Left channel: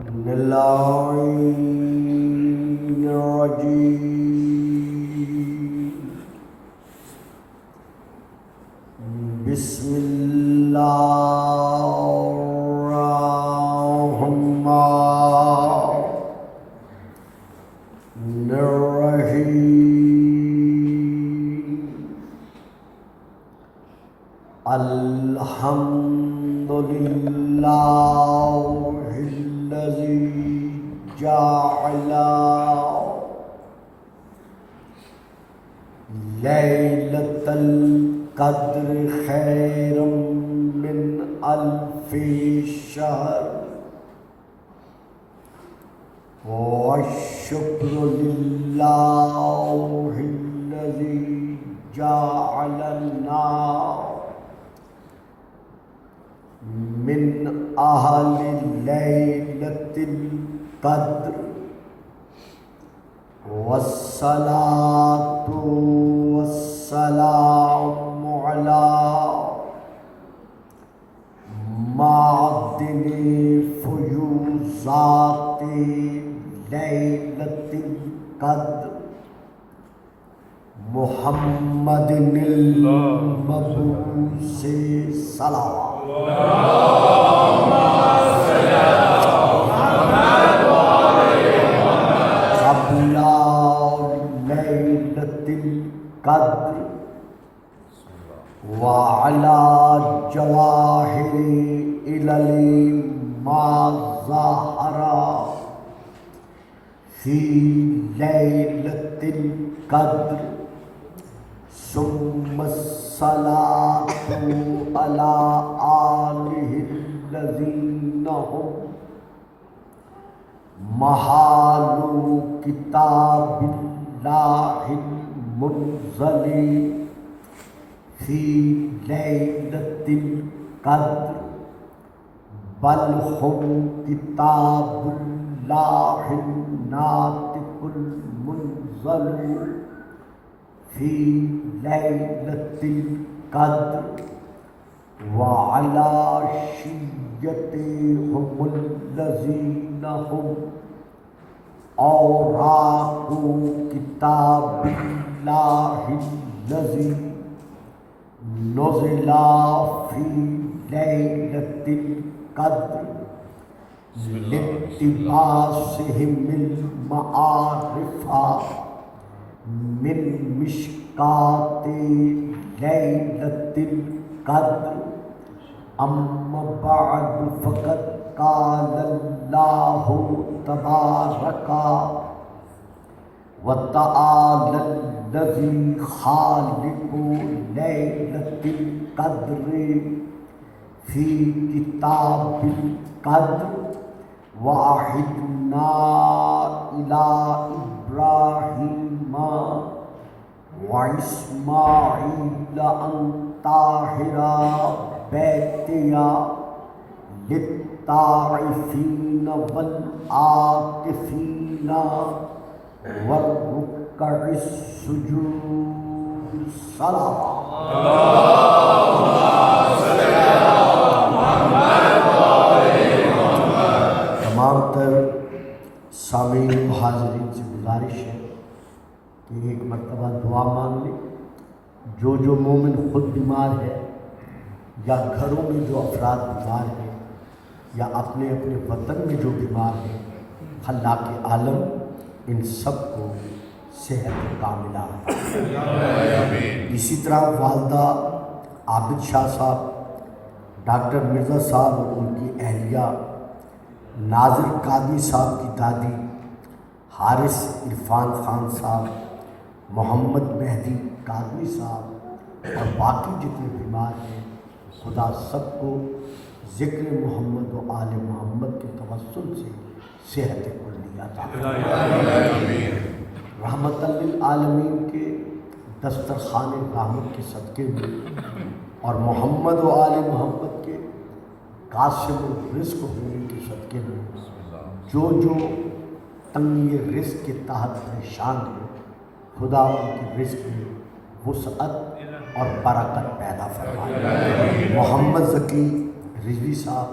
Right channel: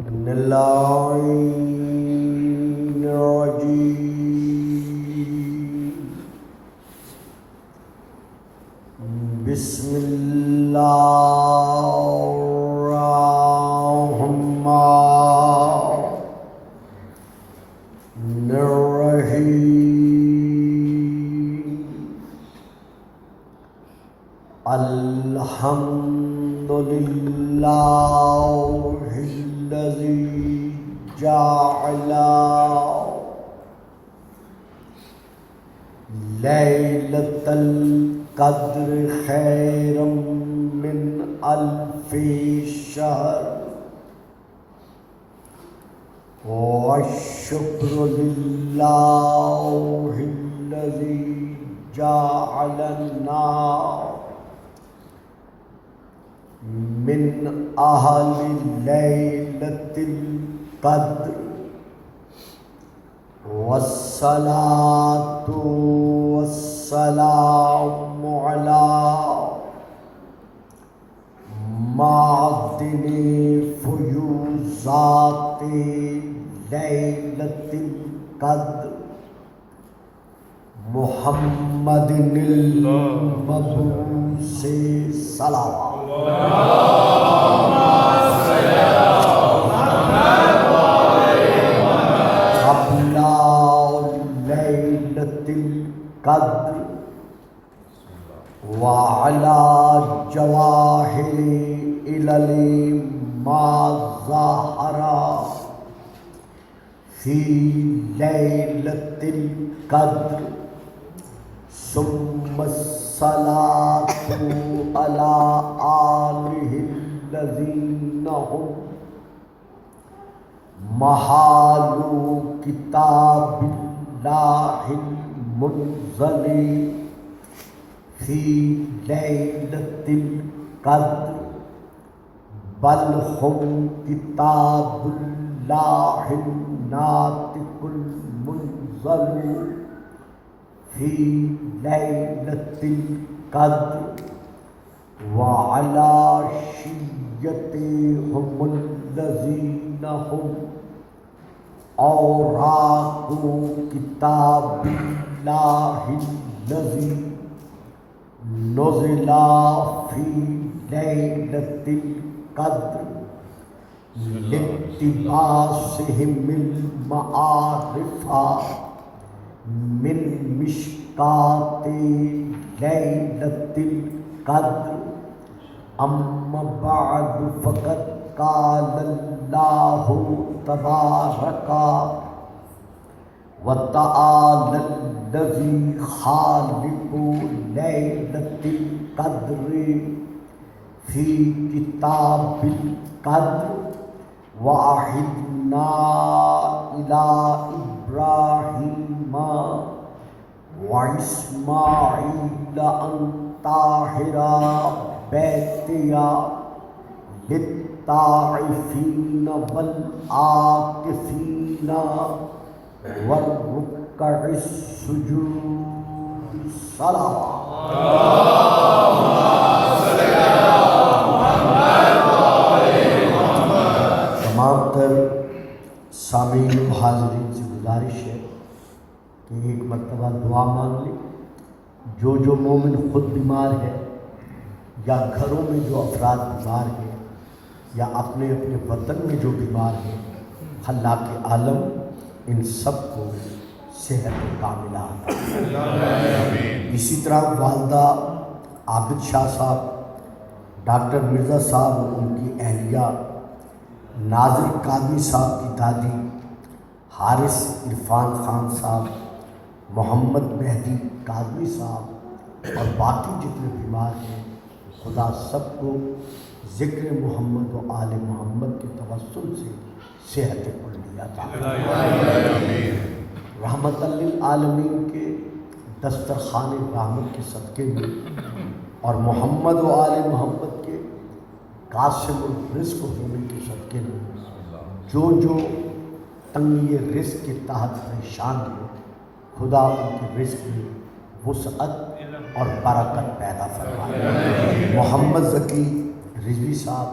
من اللعين الرجيم. بسم الله الرحمن الرحيم. الحمد لله الذي جعل ليلة القدر خيرا من ألف شهر. والشكر لله الذي جعلنا من أهل ليلة القدر. والصلاة والسلام على معدن فيوزات ليلة القدر محمد المبعوث صلوات. قبل ليلة القدر وعلى جواهر إلى ما ظهر في ليلة القدر. ثم الصلاة على آله الذين هم محال كتاب الله المنزل في ليلة القدر. بل هم كتاب الله الناطق المنزل في ليلة القدر. وعلى شيعتهم الذين هم أوراق كتاب الله الذي نزل في ليلة القدر لاقتباسهم المعارف من مشكات ليلة القدر. أما بعد فقد قال الله تبارك وتعالى الذي خالق ليلة القدر في كتاب القدر. وعهدنا إلى إبراهيم وإسماعيل أن طهر بيتي للطائفين والعاكفين والركع السجود. صلاة سامعین حاضرین سے گزارش ہے کہ ایک مرتبہ دعا مانگ لیں. جو مومن خود بیمار ہے یا گھروں میں جو افراد بیمار ہیں یا اپنے وطن میں جو بیمار ہیں، اللہ کے عالم ان سب کو صحت کاملہ. اسی طرح والدہ عابد شاہ صاحب، ڈاکٹر مرزا صاحب اور ان کی اہلیہ، ناظر قادری صاحب کی دادی، حارث عرفان خان صاحب، محمد مہدی قادری صاحب اور باقی جتنے بیمار ہیں، خدا سب کو ذکر محمد و آل محمد کے توسل سے صحت کلیہ عطا فرمائے. رحمت للعالمین کے دسترخوان رحمت کے صدقے میں اور محمد و آل محمد کے قاسم الرزق ہونے کے صدقے میں جو تنگی رزق کے تحت پریشان ہیں، خدا ان کے رزق میں وسعت اور برکت پیدا فرمائے. محمد ذکی رضوی صاحب،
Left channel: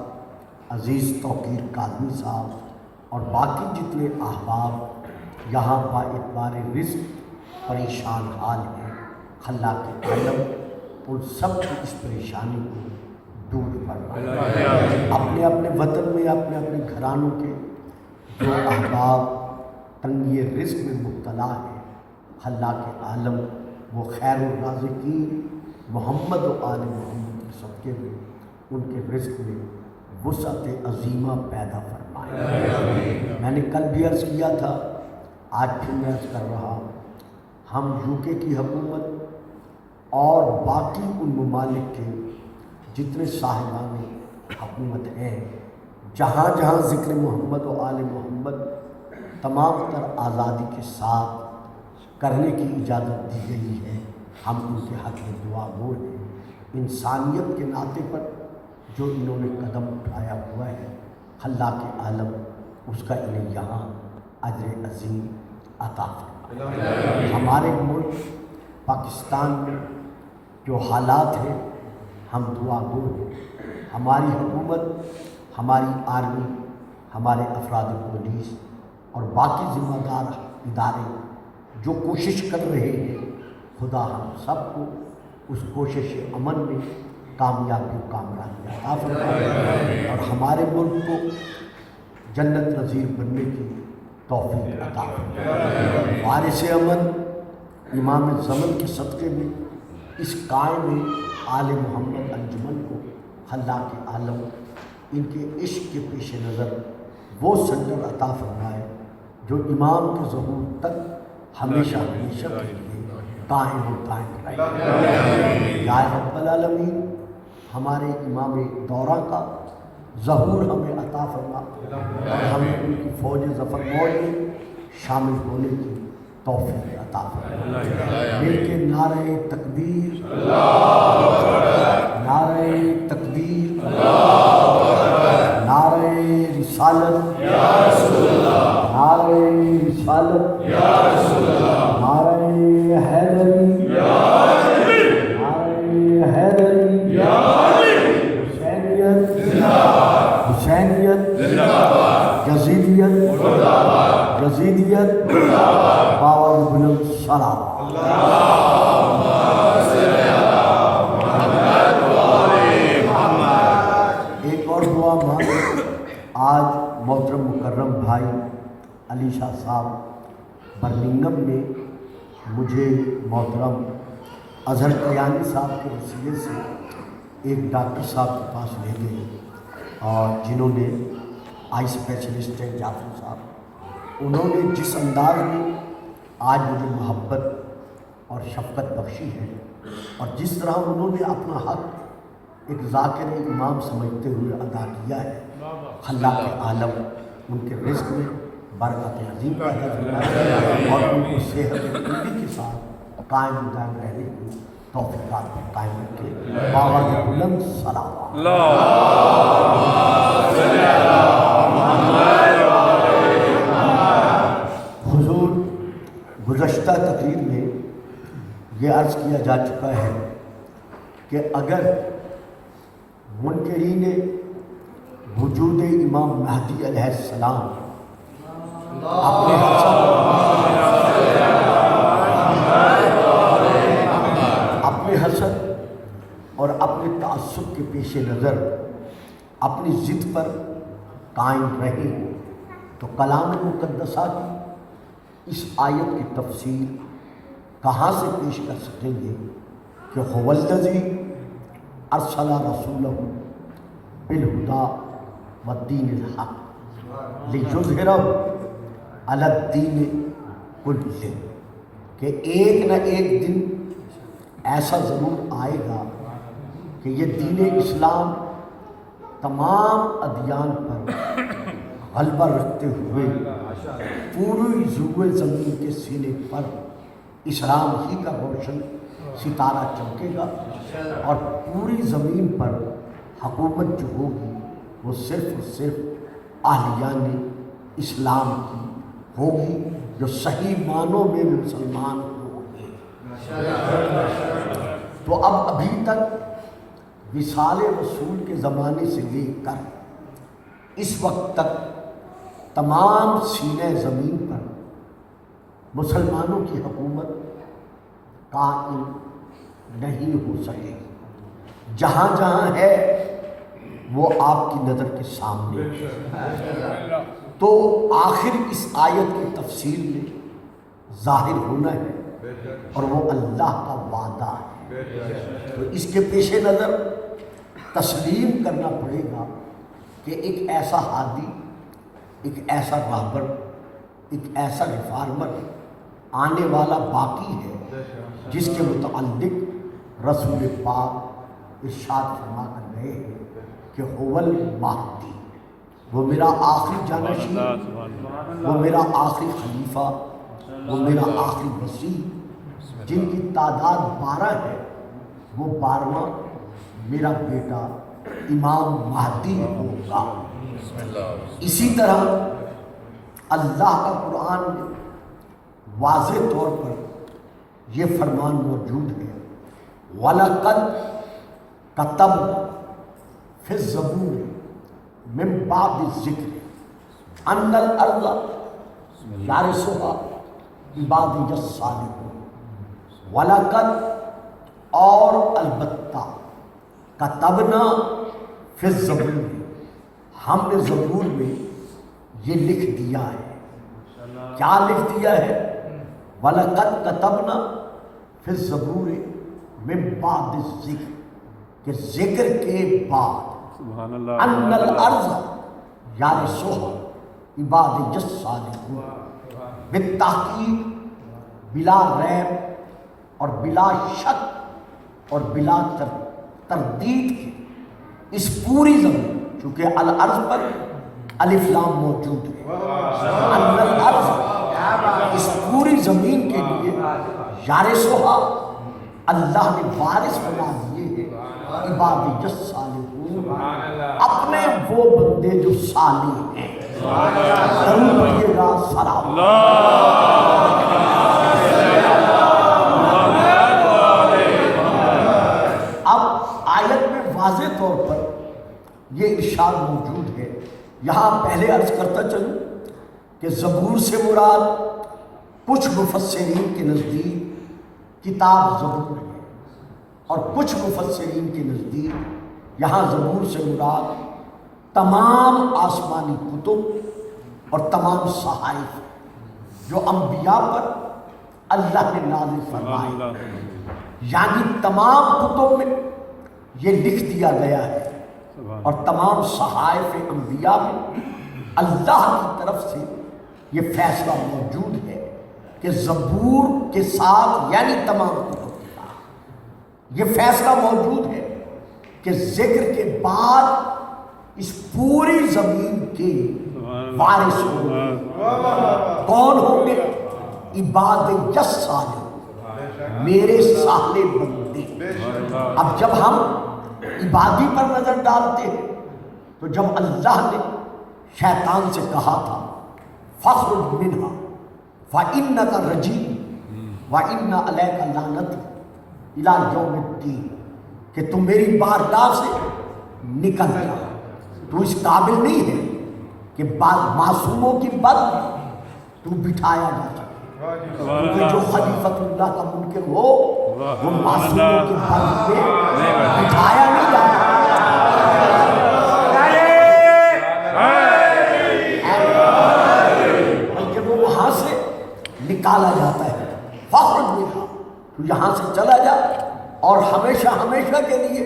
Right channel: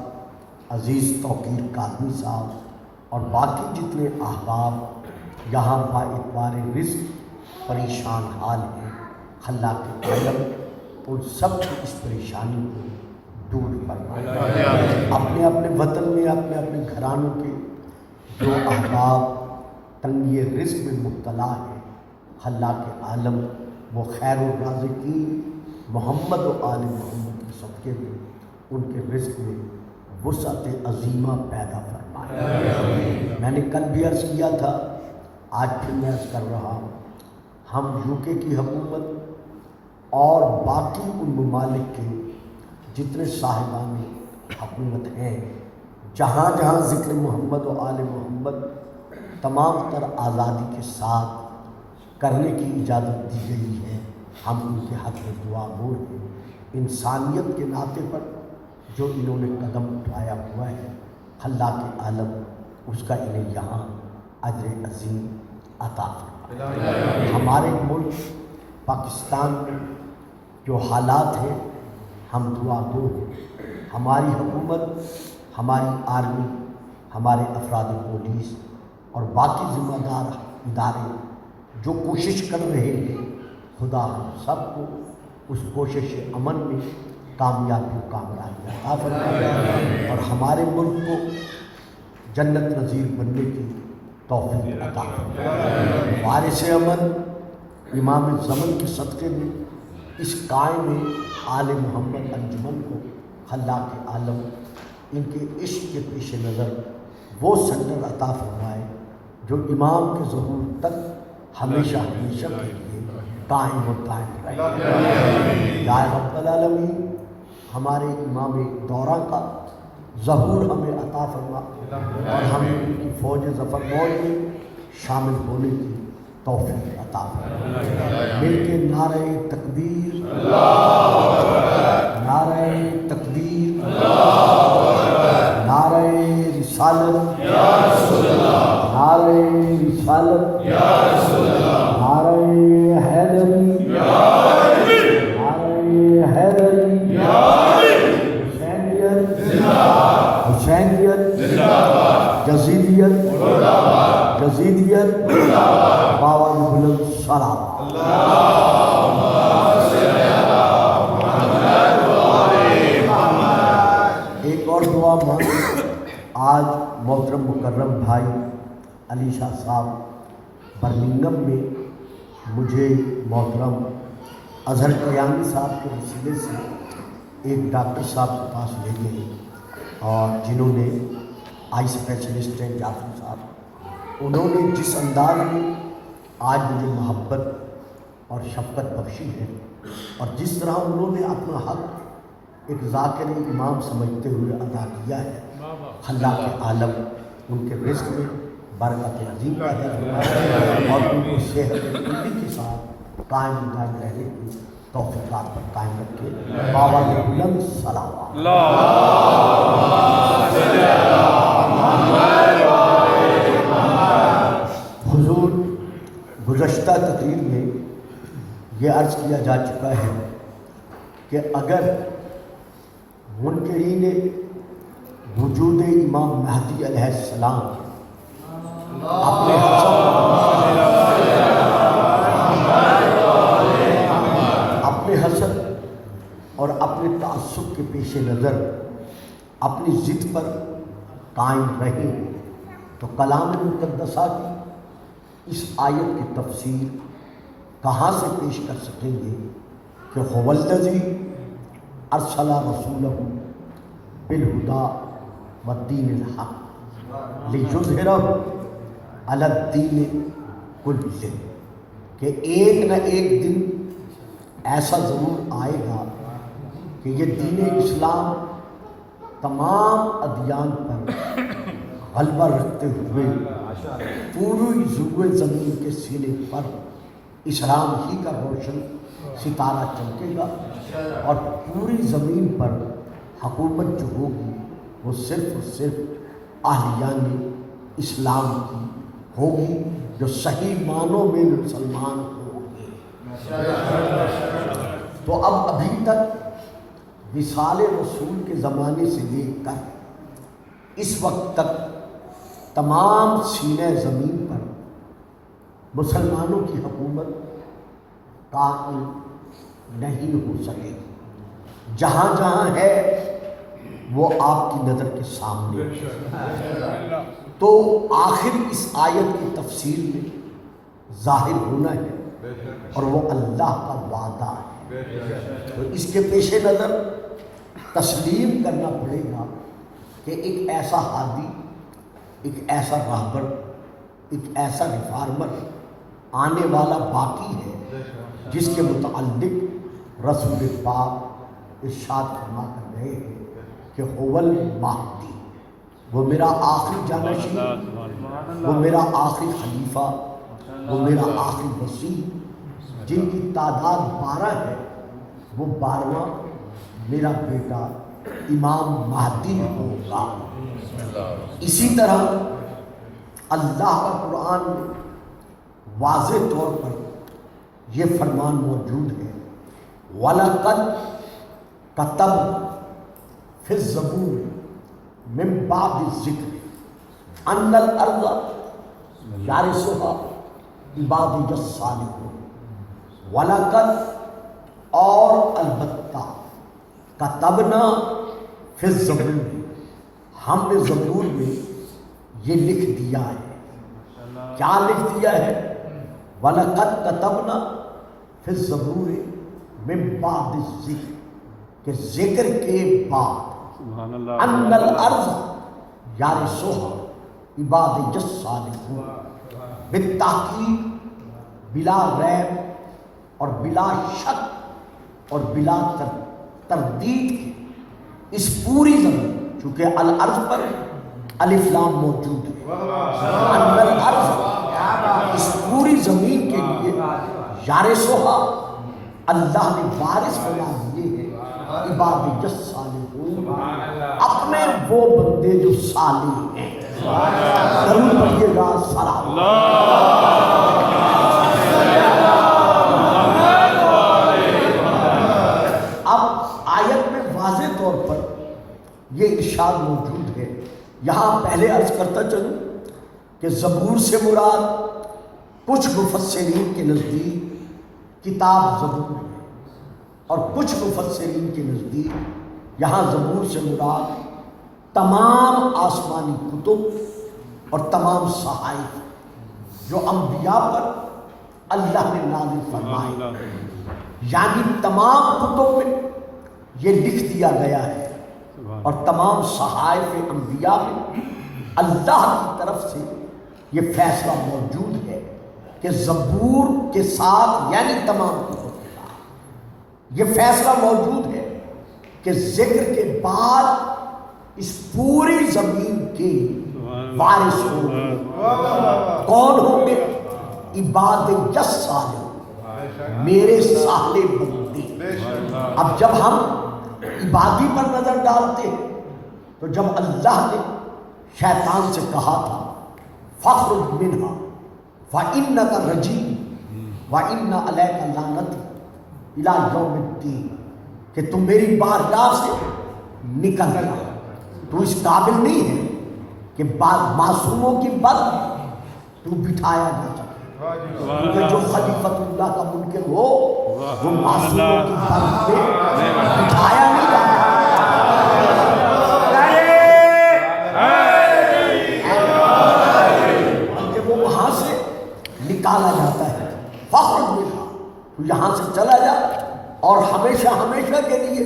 عزیز توقیر قادری صاحب، اور باقی جتنے احباب یہاں با اعتبار رزق پریشان حال ہیں، اللہ کے عالم ان سب کی اس پریشانی کو دور فرمائے۔ اپنے اپنے وطن میں اپنے اپنے گھرانوں کے جو احباب تنگی رزق میں مبتلا ہے، اللہ کے عالم وہ خیر الرازقین محمد و آل محمد کے صدقے میں ان کے رزق میں وسعت عظیمہ پیدا فرمائے۔ میں نے کل بھی عرض کیا تھا، آج پھر میں عرض کر رہا ہوں، ہم یو کے کی حکومت اور باقی ان ممالک کے جتنے صاحبان حکومت ہیں، جہاں جہاں ذکر محمد و آل محمد تمام تر آزادی کے ساتھ کرنے کی اجازت دی گئی ہے، ہم ان کے حق میں دعا گو ہیں۔ انسانیت کے ناطے پر جو انہوں نے قدم اٹھایا ہوا ہے، اللہ کے عالم اس کا انہیں یہاں اجر عظیم عطا فرمائے۔ ہمارے ملک پاکستان میں جو حالات ہیں، ہم دعا گو ہیں، ہماری حکومت، ہماری آرمی، ہمارے افراد پولیس اور باقی ذمہ دار ادارے جو کوشش کر رہے ہیں، خدا ہم سب کو اس کوشش امن میں کامیابی عطا فرمائے اور ہمارے ملک کو جنت نظیر بننے کی توفیق عطا فرمائے۔ وارث امن امام زمن کے صدقے میں اس قائم آل محمد انجمن کو اللہ کے عالم ان کے عشق کے پیش نظر وہ سنگر عطا فرمائے جو امام کے ظہور تک ہمیشہ ہمیشہ کے لیے قائم و قائم رہے۔ یا رب العالمین، ہمارے امام دورہ کا ظہور ہمیں عطا فرما اور ہمیں ان کی فوج ظفر مول میں شامل ہونے کی توفیق عطا فرما۔ مل کے نعرہ تکبیر، نعرہ تکبیر، نعرہ رسالت، نعرہ رسالت، نعرہ حیدری، نعرہ حیدری، حسینیت، حسینیت، یزیدیت، یزیدیت، اور بلند سلام۔ ایک اور دعا مانگ، آج محترم مکرم بھائی علی شاہ صاحب برمنگھم میں مجھے محترم اظہر قیانی صاحب کے وسیلے سے ایک ڈاکٹر صاحب کے پاس لے گئے اور جنہوں نے آئی اسپیشلسٹ ہیں جعفر صاحب، انہوں نے جس انداز میں آج مجھے محبت اور شفقت بخشی ہے اور جس طرح انہوں نے اپنا حق ایک ذاکر امام سمجھتے ہوئے ادا کیا ہے، اللہ کے عالم ان کے رزق میں برکت عظیم پیدا فرمائے اور ان کو صحت کلی کے ساتھ قائم دائم رہنے کی توفیقات پر قائم رکھے۔ بابا بلند سلام۔ حضور، گزشتہ تقریر میں یہ عرض کیا جا چکا ہے کہ اگر منکرین وجود امام مہدی علیہ السلام اپنے حسد اور اپنے تعصب کے پیش نظر اپنی ضد پر قائم رہے تو کلام مقدسہ کی اس آیت کی تفسیر کہاں سے پیش کر سکیں گے کہ هو الذی ارسل رسولہ بالہدی والدین الحق لیظہرہ علی الدین کلہ، کہ ایک نہ ایک دن ایسا ضرور آئے گا کہ یہ دین اسلام تمام ادیان پر غلبہ رکھتے ہوئے پوری ضلع زمین کے سینے پر اسلام ہی کا روشن ستارہ چمکے گا اور پوری زمین پر حکومت جو ہوگی وہ صرف اہلیان اسلام کی ہوگی جو صحیح معنوں میں مسلمان ہوں گے۔ تو اب ابھی تک وصال رسول کے زمانے سے لے کر اس وقت تک تمام سینے زمین پر مسلمانوں کی حکومت قائم نہیں ہو سکے گی۔ جہاں جہاں ہے وہ آپ کی نظر کے سامنے ہے۔ تو آخر اس آیت کی تفسیر میں ظاہر ہونا ہے اور وہ اللہ کا وعدہ ہے۔ تو اس کے پیش نظر تسلیم کرنا پڑے گا کہ ایک ایسا ہادی، ایک ایسا راہبر، ایک ایسا ریفارمر آنے والا باقی ہے جس کے متعلق رسول پاک ارشاد فرما کر رہے ہیں کہ هو المہدی، وہ میرا آخری جانشین، وہ میرا آخری خلیفہ، وہ میرا آخری وصی، جن کی تعداد 12 ہے، وہ 12واں میرا بیٹا امام مہدی ہوگا۔ اسی طرح اللہ کا قرآن میں واضح طور پر یہ فرمان موجود ہے، وَلَقَدْ كَتَبْنَا فِي الزَّبُورِ مِن بَعْدِ الذِّكْرِ أَنَّ الْأَرْضَ يَرِثُهَا عِبَادِيَ الصَّالِحُونَ۔ وَلَقَدْ اور البتہ کتبنا فی الزبور، ہم نے زبور میں یہ لکھ دیا ہے۔ کیا لکھ دیا ہے؟ وَلَقَدْ کتبنا فی الزبور من بعد الذکر، کہ ذکر کے بعد ان الارض یرثها عبادی الصالحون، بالتحقیق بلا ریب اور بلا شک اور بلا تردید کے اس پوری زمین، چونکہ الارض پر الف لام موجود ہے، ان الارض اس پوری زمین کے لیے یارثھا، اللہ نے وارث بنا دیے ہیں عبادی الصالحون، اپنے وہ بندے جو صالح ہیں۔ ضرور پڑھیے گا سلام۔ یہ اشارہ موجود ہے یہاں۔ پہلے عرض کرتا چلوں کہ زبور سے مراد کچھ مفسرین کے نزدیک کتاب زبور ہے، اور کچھ مفسرین کے نزدیک یہاں زبور سے مراد تمام آسمانی کتب اور تمام صحائف جو انبیاء پر اللہ نے نازل فرمائے، یعنی تمام کتب میں یہ لکھ دیا گیا ہے، اور تمام صحائف انبیاء میں اللہ کی طرف سے یہ فیصلہ موجود ہے کہ زبور کے ساتھ، یعنی تمام کتب کے ساتھ یہ فیصلہ موجود ہے کہ ذکر کے بعد اس پوری زمین کے وارث ہوں گے۔ کون ہوں گے؟ عباد الصالحون، میرے صالح بندے۔ اب جب ہم عبادی پر نظر ڈالتے ہیں تو جب اللہ نے شیطان سے کہا تھا فَاخْرُجْ مِنْهَا فَإِنَّكَ رَجِيمٌ وَإِنَّ عَلَيْكَ لَعْنَتِي إِلَىٰ يَوْمِ الدِّينِ، کہ تم میری بارگاہ سے نکل گیا، تو اس قابل نہیں ہے کہ بعض معصوموں کی بات تو بٹھایا جا سکے، کیونکہ جو خلیفۃ اللہ کا منکر ہو وہ معصوموں کی بات پہ بٹھایا نہیں جاتا، بلکہ وہ وہاں سے نکالا جاتا ہے۔ فخر میں تو یہاں سے چلا جا اور ہمیشہ ہمیشہ کے لیے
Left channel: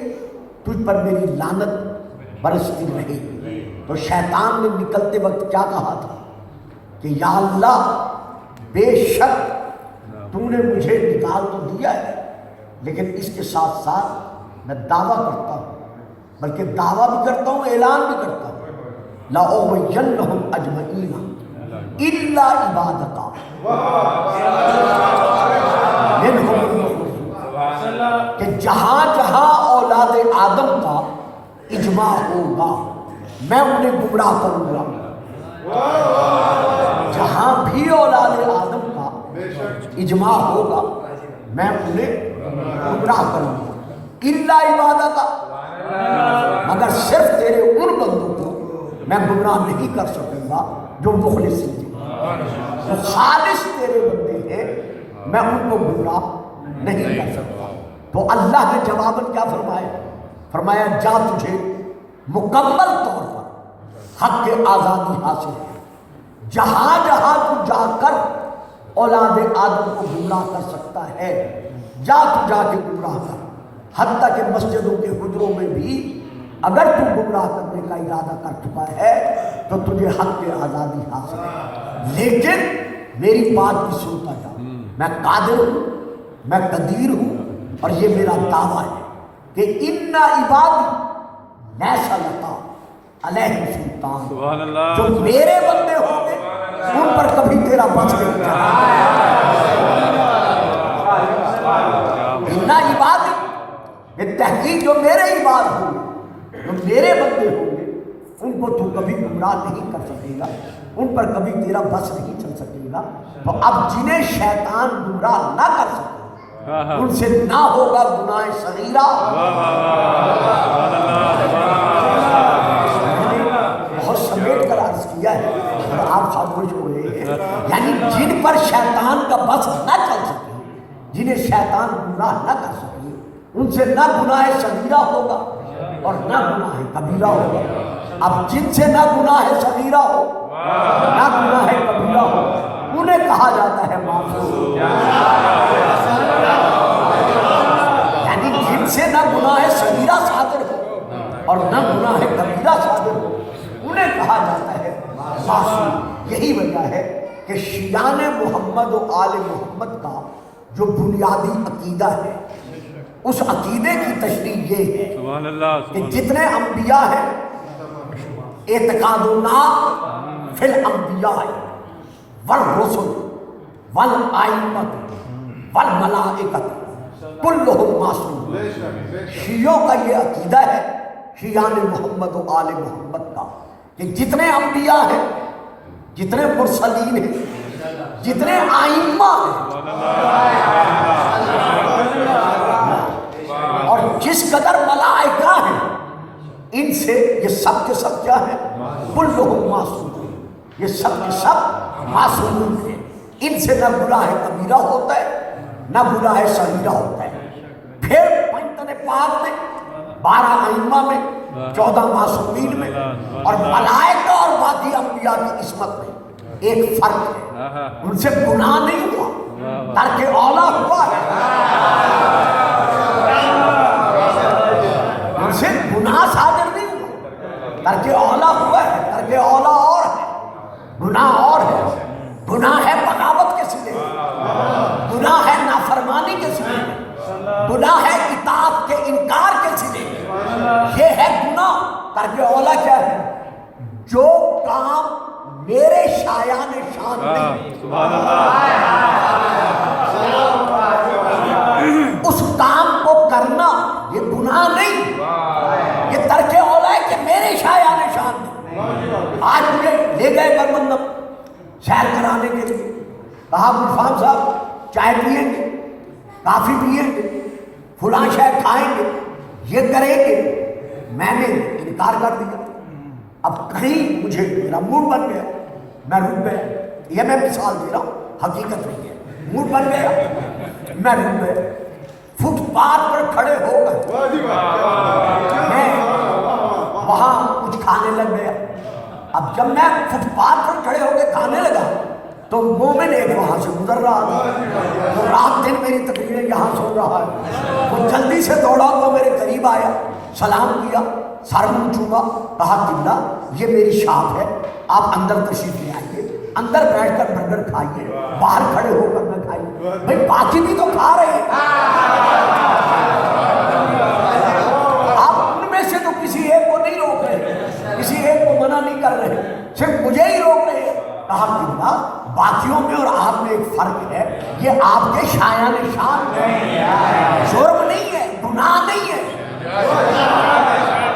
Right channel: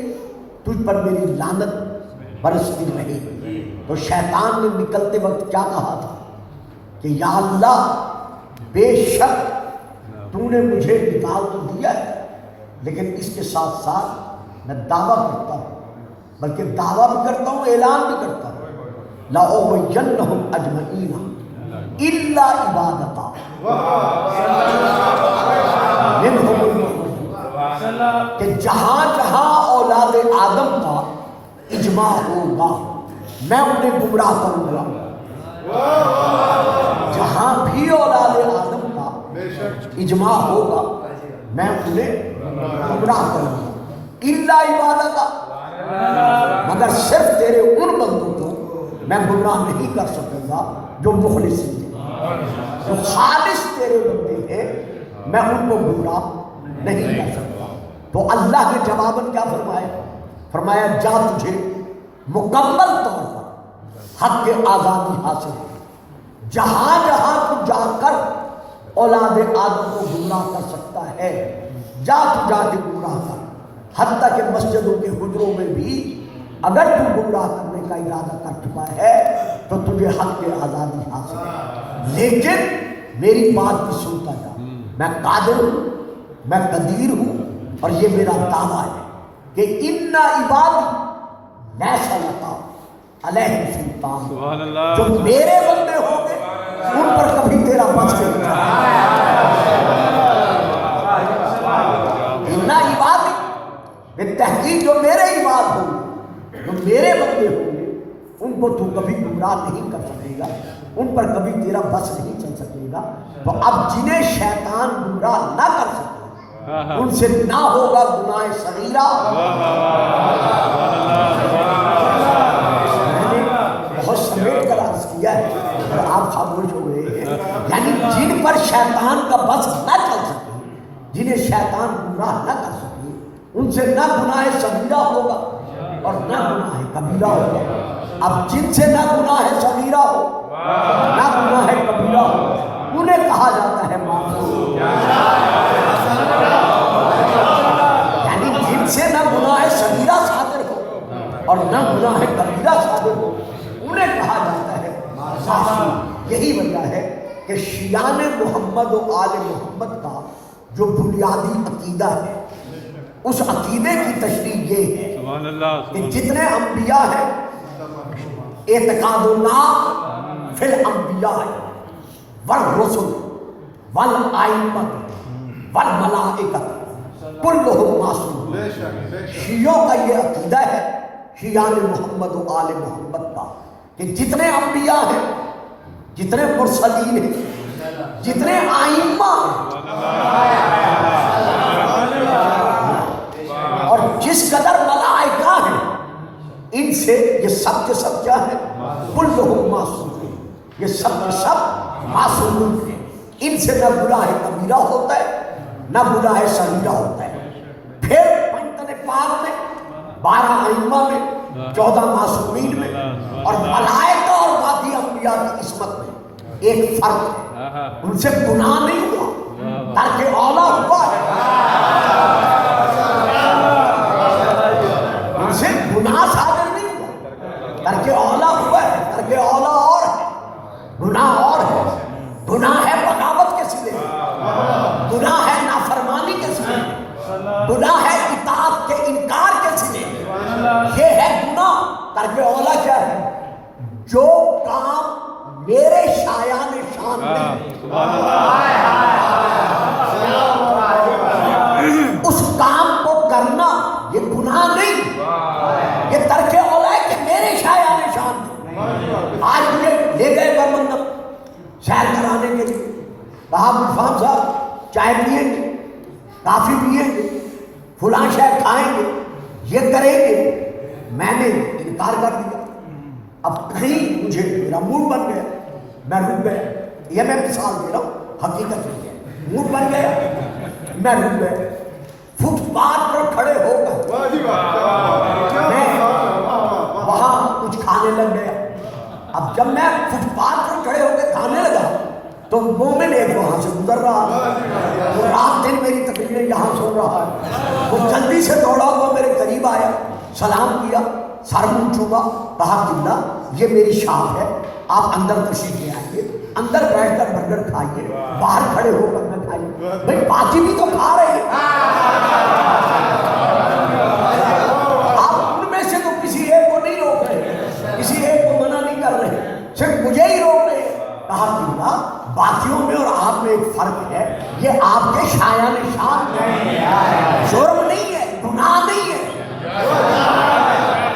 تجھ پر میری لعنت برستی رہے۔ تو شیطان نے نکلتے وقت کیا کہا تھا کہ یا اللہ، بے شک تو نے مجھے نکال تو دیا ہے، لیکن اس کے ساتھ ساتھ میں دعویٰ کرتا ہوں، بلکہ دعویٰ بھی کرتا ہوں، اعلان بھی کرتا ہوں، لَأُغْوِيَنَّهُمْ أَجْمَعِينَ إِلَّا عِبَادَكَ مِنْهُمُ الْمُخْلَصِينَ، کہ جہاں جہاں اولاد آدم کا اجماع ہوگا میں انہیں گمراہ کروں گا، جہاں بھی اولاد آدم کا اجماع ہوگا میں انہیں گمراہ کروں گا، الا عبادت، مگر صرف تیرے ان بندوں کو میں گمراہ نہیں کر سکوں گا جو مخلص ہیں، جو خالص تیرے بندے ہیں، میں ان کو گمراہ نہیں کر سکتا۔ تو اللہ نے جواباً کیا فرمایا؟ فرمایا جا تجھے مکمل طور پر حق کے آزادی حاصل ہے، جہاں جہاں تو جا کر اولاد آدم کو گمراہ کر سکتا ہے جا تو جا کے گمراہ کر، حتیٰ کہ مسجدوں کے حجروں میں بھی اگر تو گمراہ کرنے کا ارادہ کر چکا ہے تو تجھے حق کی آزادی حاصل ہے، لیکن میری بات کی سنتا جا، میں قادر ہوں، میں قدیر ہوں، اور یہ میرا دعویٰ ہے کہ ان عبادی لیس لک علیہم سلطان، جو میرے بندے ہوں گے ان پر کبھی تیرا بس نہیں چلے گا۔ ان عبادی، یہ تحقیق جو میرے عباد ہوں گے، جو میرے بندے ہوں گے، ان کو تو کبھی گمراہ نہیں کر سکے گا، ان پر کبھی تیرا بس نہیں چل سکے گا۔ تو اب جنہیں شیطان گمراہ نہ کر سکے ان سے نہ ہوگا گناہ صغیرہ۔ بہت سمیٹ کر عرض کیا ہے، آپ خاموش ہو رہے ہیں، یعنی جن پر شیطان کا بس نہ چل سکے، جنہیں شیطان گناہ نہ کر سکے، ان سے نہ گناہ صغیرہ ہوگا اور نہ گناہ کبیرہ ہوگا۔ اب جن سے نہ گناہ صغیرہ ہو نہ گناہ کبیرہ ہو، انہیں کہا جاتا ہے معصوم۔ یعنی جن سے نہ گناہ صغیرہ صادر ہو اور نہ گناہ کبیرہ صادر ہو، انہیں کہا جاتا ہے معصوم۔ یہی وجہ ہے کہ شیعان محمد و آل محمد کا جو بنیادی عقیدہ ہے، اس عقیدے کی تشریح یہ ہے کہ جتنے انبیاء ہیں، اعتقادنا فی الانبیاء والرسل والائمۃ والملائکۃ کلہم معصوم۔ شیعوں کا یہ عقیدہ ہے، شیعان محمد و آل محمد کا، کہ جتنے انبیاء ہیں، جتنے مرسلین ہیں، جتنے آئمہ ہیں، اور جس قدر ملائکہ ہیں، ان سے یہ سب کے سب کیا ہیں؟ کلہم معصوم، یہ سب کے سب معصوم ہیں۔ ان سے نہ گناہ کبیرہ ہوتا ہے نہ گناہ صغیرہ ہوتا ہے۔ پھر پنجتن پاک میں 12 ائمہ میں 14 معصومین میں اور ملائکہ اور باقی انبیاء کی عصمت میں ایک فرق ہے، ان سے گناہ نہیں ہوا، ترک اولا ہوا ہے، ان سے گناہ صادر نہیں ہوا، ترک اولا ہوا ہے۔ ترک اولا اور ہے، گناہ اور ہے۔ گناہ ہے بغاوت کے سلے، گناہ ہے نافرمانی کے سلے، گناہ ہے اطاعت کے انکار کے سلے، یہ ہے گناہ۔ ترک اولا کیا ہے؟ جو کام میرے شایان شان نہیں، اس کام کو کرنا یہ گناہ نہیں، یہ ترک اولا ہے کہ میرے شایان شان نہیں۔ آج مجھے لے گئے برمندم سیر کرانے کے لیے، کہا ملفام صاحب چائے پئیں گے، کافی پئیں گے، فلاں شے کھائیں گے، یہ کریں گے، میں نے انکار کر دیا۔ اب کہیں مجھے میرا موڈ بن گیا، میں رک گیا، یہ میں مثال دے رہا ہوں، حقیقت نہیں ہے، موڈ بن گیا، میں رک گیا، فٹ پاتھ پر کھڑے ہو کر میں وہاں کچھ کھانے لگ گیا۔ اب جب میں فٹ پاتھ پر کھڑے ہو کے کھانے لگا تو مومن ایک وہاں سے گزر رہا تھا، وہ رات دن میری تقریریں یہاں سن رہا ہے، وہ جلدی سے دوڑا ہوا میرے قریب آیا، سلام کیا، سر منہ چھوڑا، کہا جنہ یہ میری شاپ ہے، آپ اندر تشریف لے آئیے، اندر بیٹھ کر برگر کھائیے، باہر کھڑے ہو کر نہ کھائیے، بھائی باقی بھی تو کھا رہے ہیں، آپ ان میں سے تو کسی ایک کو نہیں روک رہے، کسی ایک کو منع نہیں کر رہے، صرف مجھے ہی روک رہے ہیں۔ کہا جنہ باقیوں میں اور آپ میں ایک فرق ہے، یہ آپ کے شایان شان ہے، جرم نہیں ہے، گناہ نہیں ہے،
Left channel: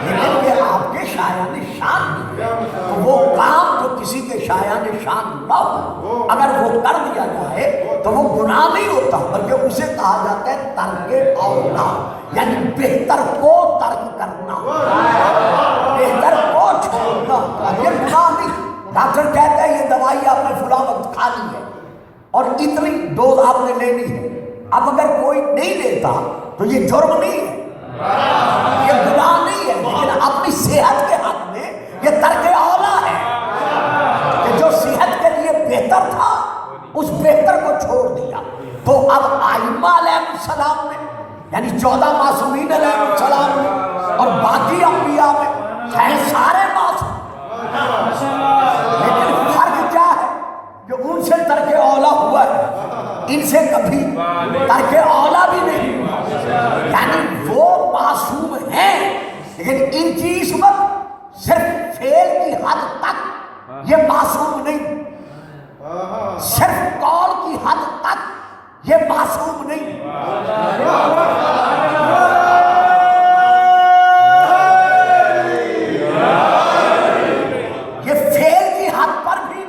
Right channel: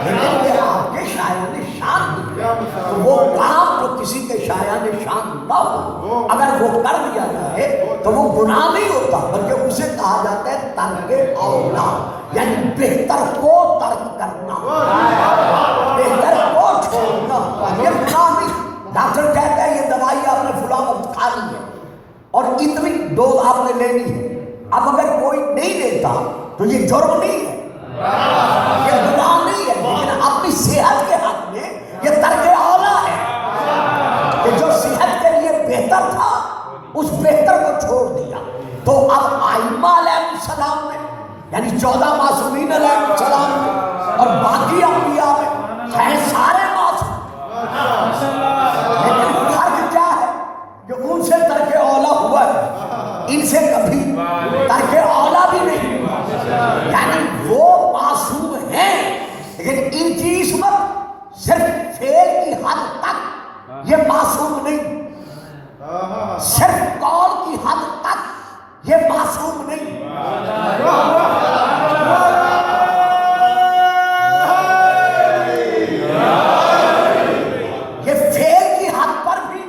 لیکن یہ آپ کے شایان شان ہے۔ وہ کام جو کسی کے شایان شان نہ ہو، اگر وہ کر دیا جائے تو وہ گناہ نہیں ہوتا، بلکہ اسے کہا جاتا ہے ترک اولا، یعنی بہتر کو ترک کرنا، بہتر کو چھوڑنا، یہ یہ جرم نہیں ہے، یہ گناہ نہیں ہے، لیکن اپنی صحت کے حق میں یہ ترک اولا ہے کہ جو صحت کے لیے بہتر تھا اس بہتر کو چھوڑ دیا۔ تو اب ائمہ علیہ السلام میں یعنی 14 معصومین علیہ السلام میں اور باقی انبیاء میں ہیں سارے معصوم، لیکن فرق کیا ہے کہ ان سے ترک اولا ہوا ہے، ان سے کبھی ترک اولا بھی نہیں، یعنی وہ معصوم ہیں لیکن ان کی عصمت صرف فعل کی حد تک یہ معصوم نہیں، صرف قول کی حد تک یہ معصوم نہیں۔ یہ فعل کی حد پر بھی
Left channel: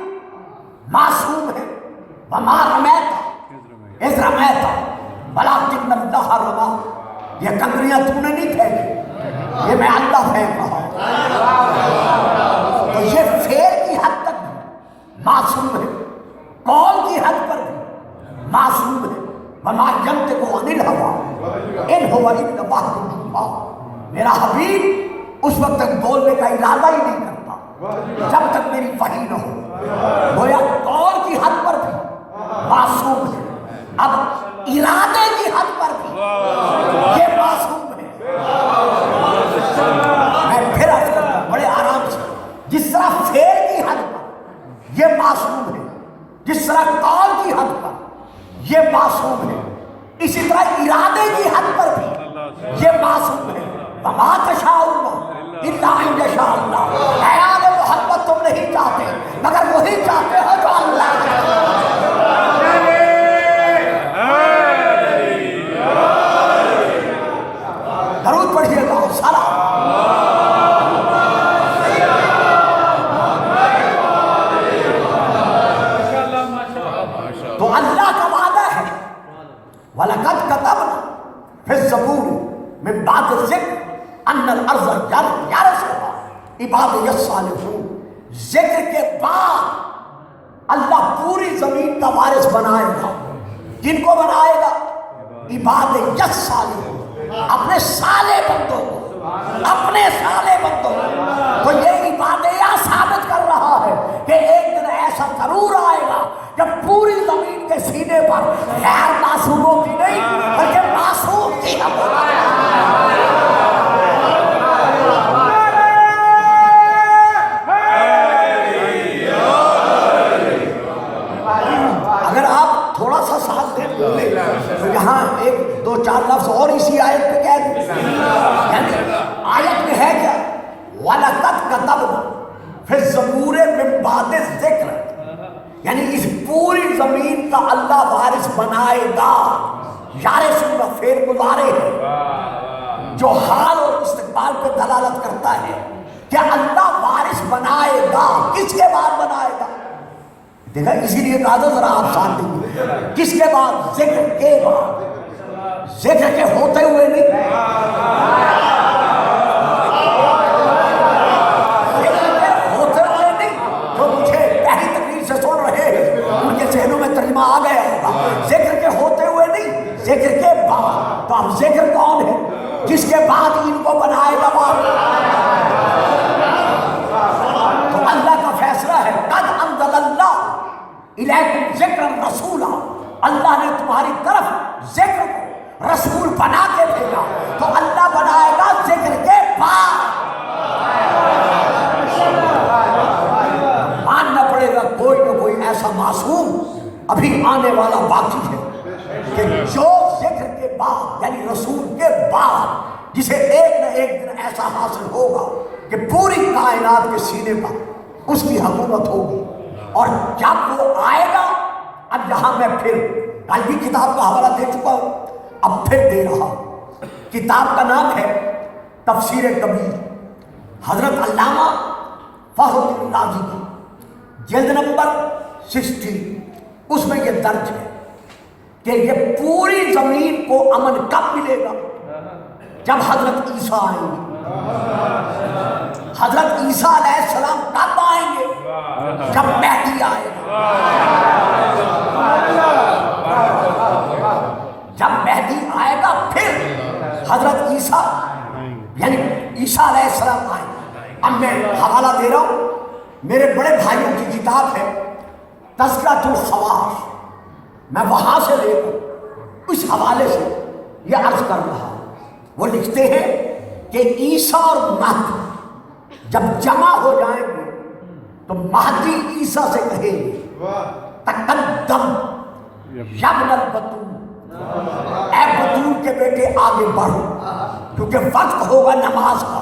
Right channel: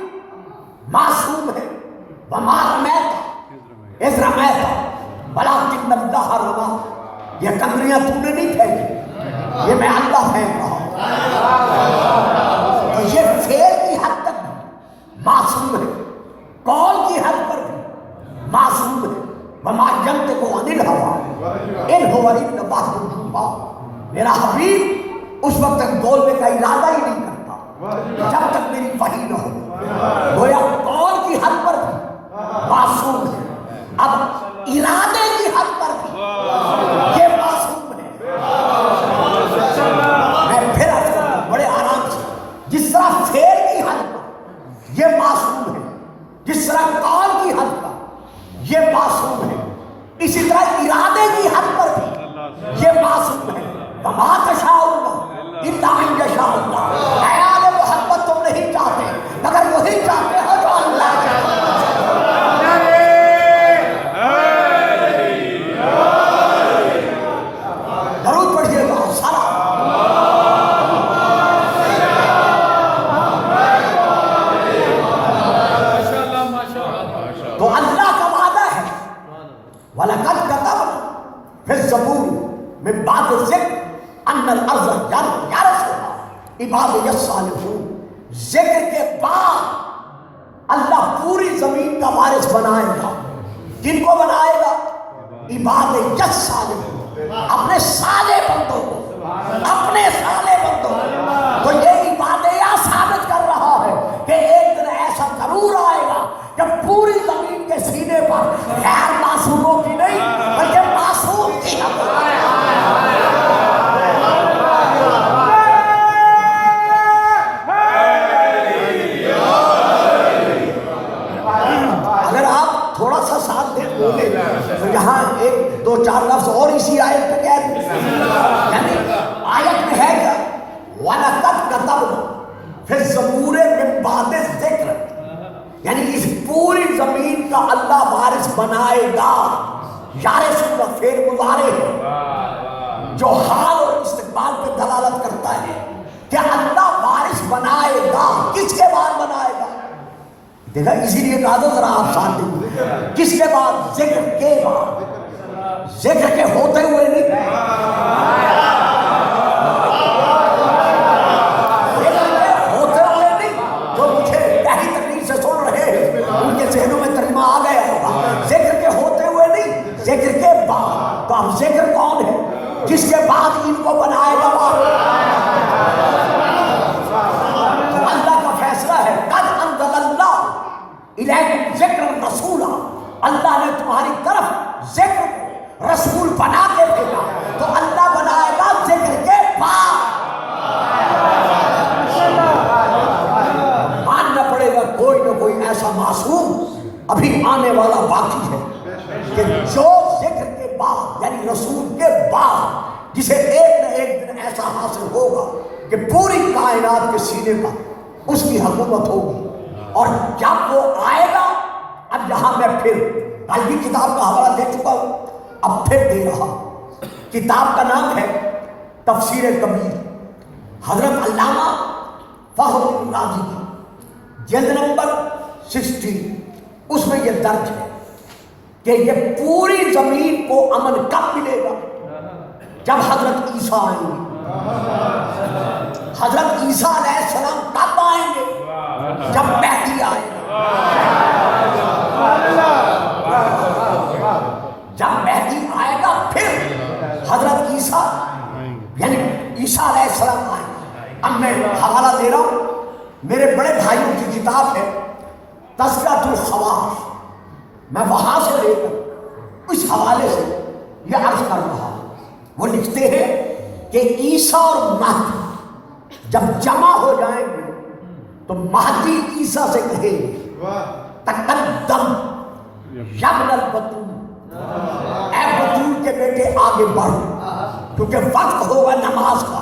معصوم ہے۔ وما رمیت اذ رمیت ولکن اللہ رمی، یہ کمریاں تم نے نہیں پھینکی، یہ میں اللہ پھینک رہا ہوں۔ تو یہ فعل کی حد تک بھی معصوم ہے، قول کی حد پر بھی معصوم ہے۔ وما ینطق عن الہویٰ ان هو الا وحی یوحیٰ، میرا حبیب اس وقت تک بولنے کا ارادہ ہی نہیں کرتا جب تک میری وحی نہ ہو۔ گویا قول کی حد پر بھی معصوم ہے، اب ارادے کی حد پر بھی یہ معصوم ہے۔ میں پھر بڑے آرام سے، جس طرح فعل کی حد پر یہ معصوم ہے، جس طرح قول کی حد پر یہ معصوم ہے، اسی طرح ارادے کی حد پر بھی یہ معصوم ہے۔ وما تشاءون الا ان یشاء اللہ، خیال محبت تم نہیں چاہتے مگر وہی چاہتے ہو جو اللہ چاہتا ہے۔ درود پڑھیے گا سارا۔ تو اللہ کا وعدہ ہے وَلَقَدْ كَتَبْنَا فِي الزَّبُورِ مِن بَعْدِ الذِّكْرِ أَنَّ الْأَرْضَ يَرِثُهَا عِبَادِيَ الصَّالِحُونَ، ذکر کے بعد اللہ پوری زمین کا وارث بنائے گا۔ کن کو بنائے گا؟ عبادیہ الصالحون، اپنے صالح بندوں کو، اپنے صالح بندوں کو۔ تو یہ عبادیہ ثابت کر رہا ہے کہ ایک دن ایسا ضرور آئے گا کہ پوری زمین کے سینے پر غیر معصوموں کی نہیں بلکہ معصوم کی اگر آپ تھوڑا سا ساتھ دیں بولے تو یہاں ایک دو چار لفظ اور اسی آیت پہ کہہ دیں، یعنی آیت میں ہے کیا؟ وَلَقَدْ كَتَبْنَا فِي الزَّبُورِ مِن بَعْدِ الذِّكْرِ، یعنی اس پوری زمین کا اللہ وارث بنائے گا۔ یارثون فعل مضارع ہے جو حال اور استقبال پہ دلالت کرتا ہے کہ اللہ وارث بنائے گا۔ کس کے بعد بنائے گا؟ دیکھا، اسی لیے کہا تھا ذرا آپ ساتھ دیں، کس کے بعد؟ ذکر کے بعد، ذکر کے ہوتے ہوئے نہیں، ذکر کے بعد۔ تو اب ذکر کون ہے جس کے بعد ان کو بنائے گا؟ تو اللہ کا فیصلہ ہے، قد انزل اللہ الیکم ذکرا رسولا، اللہ نے تمہاری طرف ذکر رسول بنا کے بھیجا۔ تو اللہ بنائے گا ذکر کے بعد۔ ماننا پڑے گا کوئی نہ کوئی ایسا معصوم ابھی آنے والا باقی ہے کہ جو ذکر کے بعد یعنی رسول کے بعد جسے ایک نہ ایک دن ایسا حاصل ہوگا کہ پوری کائنات کے سینے پر اس کی حکومت ہوگی۔ اور جب وہ آئے گا، اب یہاں میں پھر کل بھی کتاب کا حوالہ دے چکا ہوں، اب پھر دے رہا۔ کتاب کا نام ہے تفسیر کبیر، حضرت علامہ فخر الدین رازی کی، جلد نمبر 60، اس میں یہ درج ہے کہ یہ پوری زمین کو امن کب ملے گا؟ جب حضرت عیسیٰ آئیں گے۔ حضرت عیسیٰ علیہ السلام کب آئیں گے؟ جب مہدی آئے گا۔ جب مہدی آئے گا پھر میرے بڑے بھائیوں کی کتاب ہے تذکرۃ الخواص، میں وہاں سے لے کر اس حوالے سے یہ عرض کر رہا ہوں۔ وہ لکھتے ہیں کہ عیسیٰ اور مہدی جب جمع ہو جائیں گے تو مہدی عیسیٰ سے کہیں گے تقدم یا ابن البتول، اے بتول کے بیٹے آگے بڑھو، کیونکہ وقت ہوگا نماز کا۔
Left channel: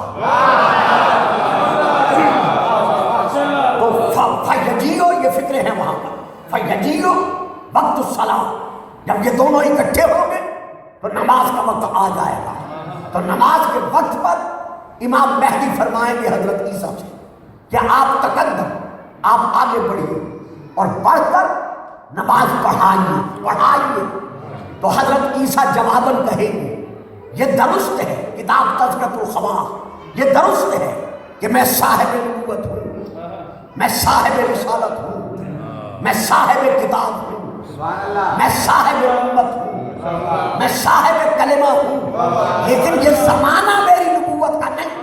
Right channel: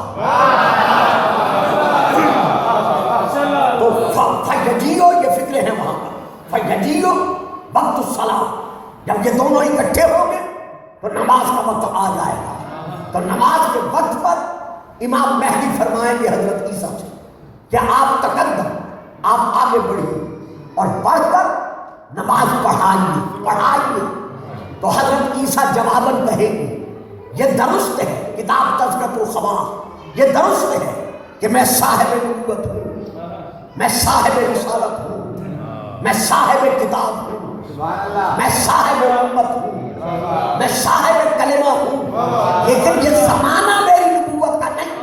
تو فیجیو، یہ فکر ہے وہاں کا، فیجیو وقت الصلاۃ، جب یہ دونوں اکٹھے ہوں گے تو نماز کا وقت آ جائے گا۔ تو نماز کے وقت پر امام مہدی فرمائیں گے حضرت عیسیٰ سے کہ آپ تقدم، آپ آگے بڑھیے اور بڑھ کر نماز پڑھائیے۔ تو حضرت عیسیٰ جواباً کہیں گے یہ درست ہے، کتاب تذکرۃ الخواص، یہ درست ہے کہ میں صاحب نبوت ہوں، میں صاحب رسالت ہوں، میں صاحب کتاب ہوں، میں صاحب امت ہوں، میں صاحب کلمہ ہوں، لیکن یہ زمانہ میری نبوت کا نہیں۔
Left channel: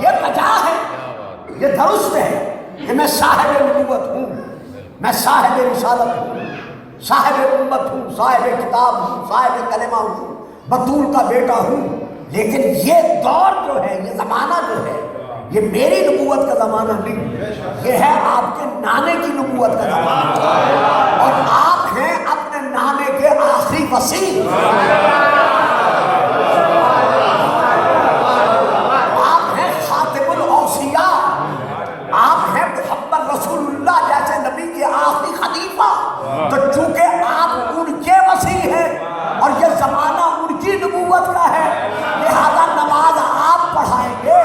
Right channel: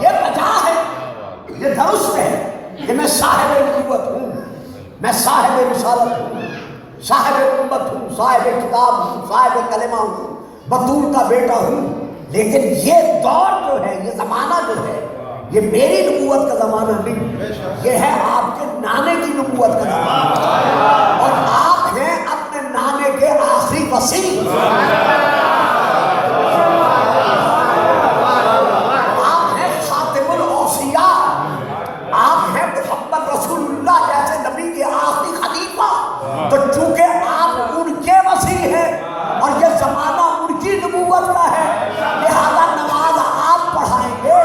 یہ وجہ ہے، یہ درست ہے کہ میں صاحب نبوت ہوں، میں صاحب رسالت ہوں، صاحب امت ہوں، صاحب کتاب ہوں، صاحب کلمہ ہوں، بطول کا بیٹا ہوں، لیکن یہ دور جو ہے، یہ زمانہ جو ہے، یہ میری نبوت کا زمانہ نہیں، یہ ہے آپ کے نانے کی نبوت کا زمانہ، اور آپ ہیں اپنے نانے کے آخری وصی، آپ ہیں خاتم الاوصیاء، آپ ہیں محمد رسول اللہ جیسے نبی کے آخری خلیفہ۔ تو چونکہ آپ ان کے وصی ہیں اور یہ زمانہ ان کی نبوت کا ہے، لہذا نماز آپ پڑھائیں گے،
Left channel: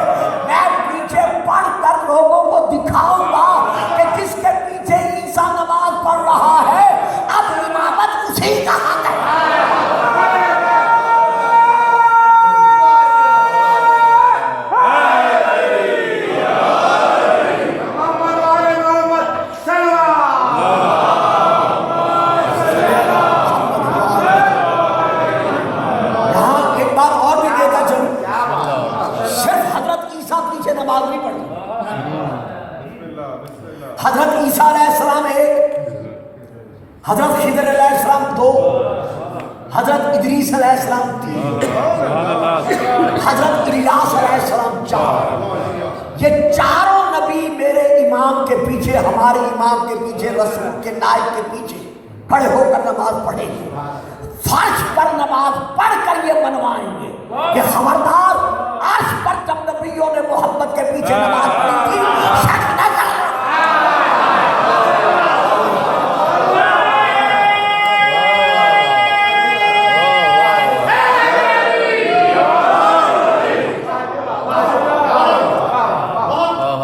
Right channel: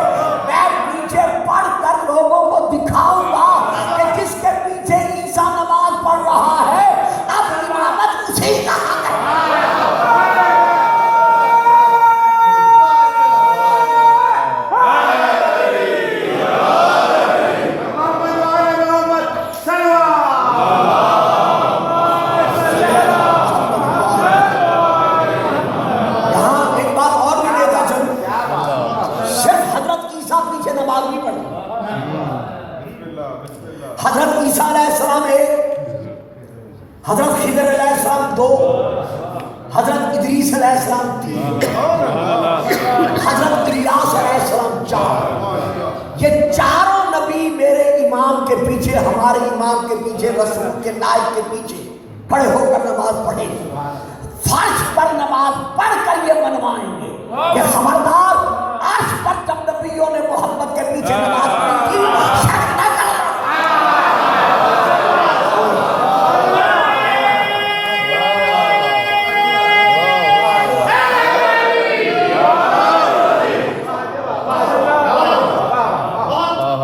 میں پیچھے پڑھ کر لوگوں کو دکھاؤں گا کہ جس کے پیچھے عیسیٰ نماز پڑھ رہا ہے اب امامت اسی کا حق ہے۔ حضرت عیسیٰ علیہ السلام ایک، حضرت خضر علیہ السلام دو، حضرت ادریس علیہ السلام تین، حضرت الیاس علیہ السلام چار۔ یہ چاروں نبی میرے امام کے پیچھے، ہمارے امام کے پیچھے، رسول کے نائب کے پیچھے کھڑے ہو کر نماز پڑھیں گے، فرش پر نماز پڑھ کر یہ بنوائیں گے کہ خبردار عرش پر جب نبیوں نے محمد کے پیچھے نماز پڑھی تھی شک نہ کرنا۔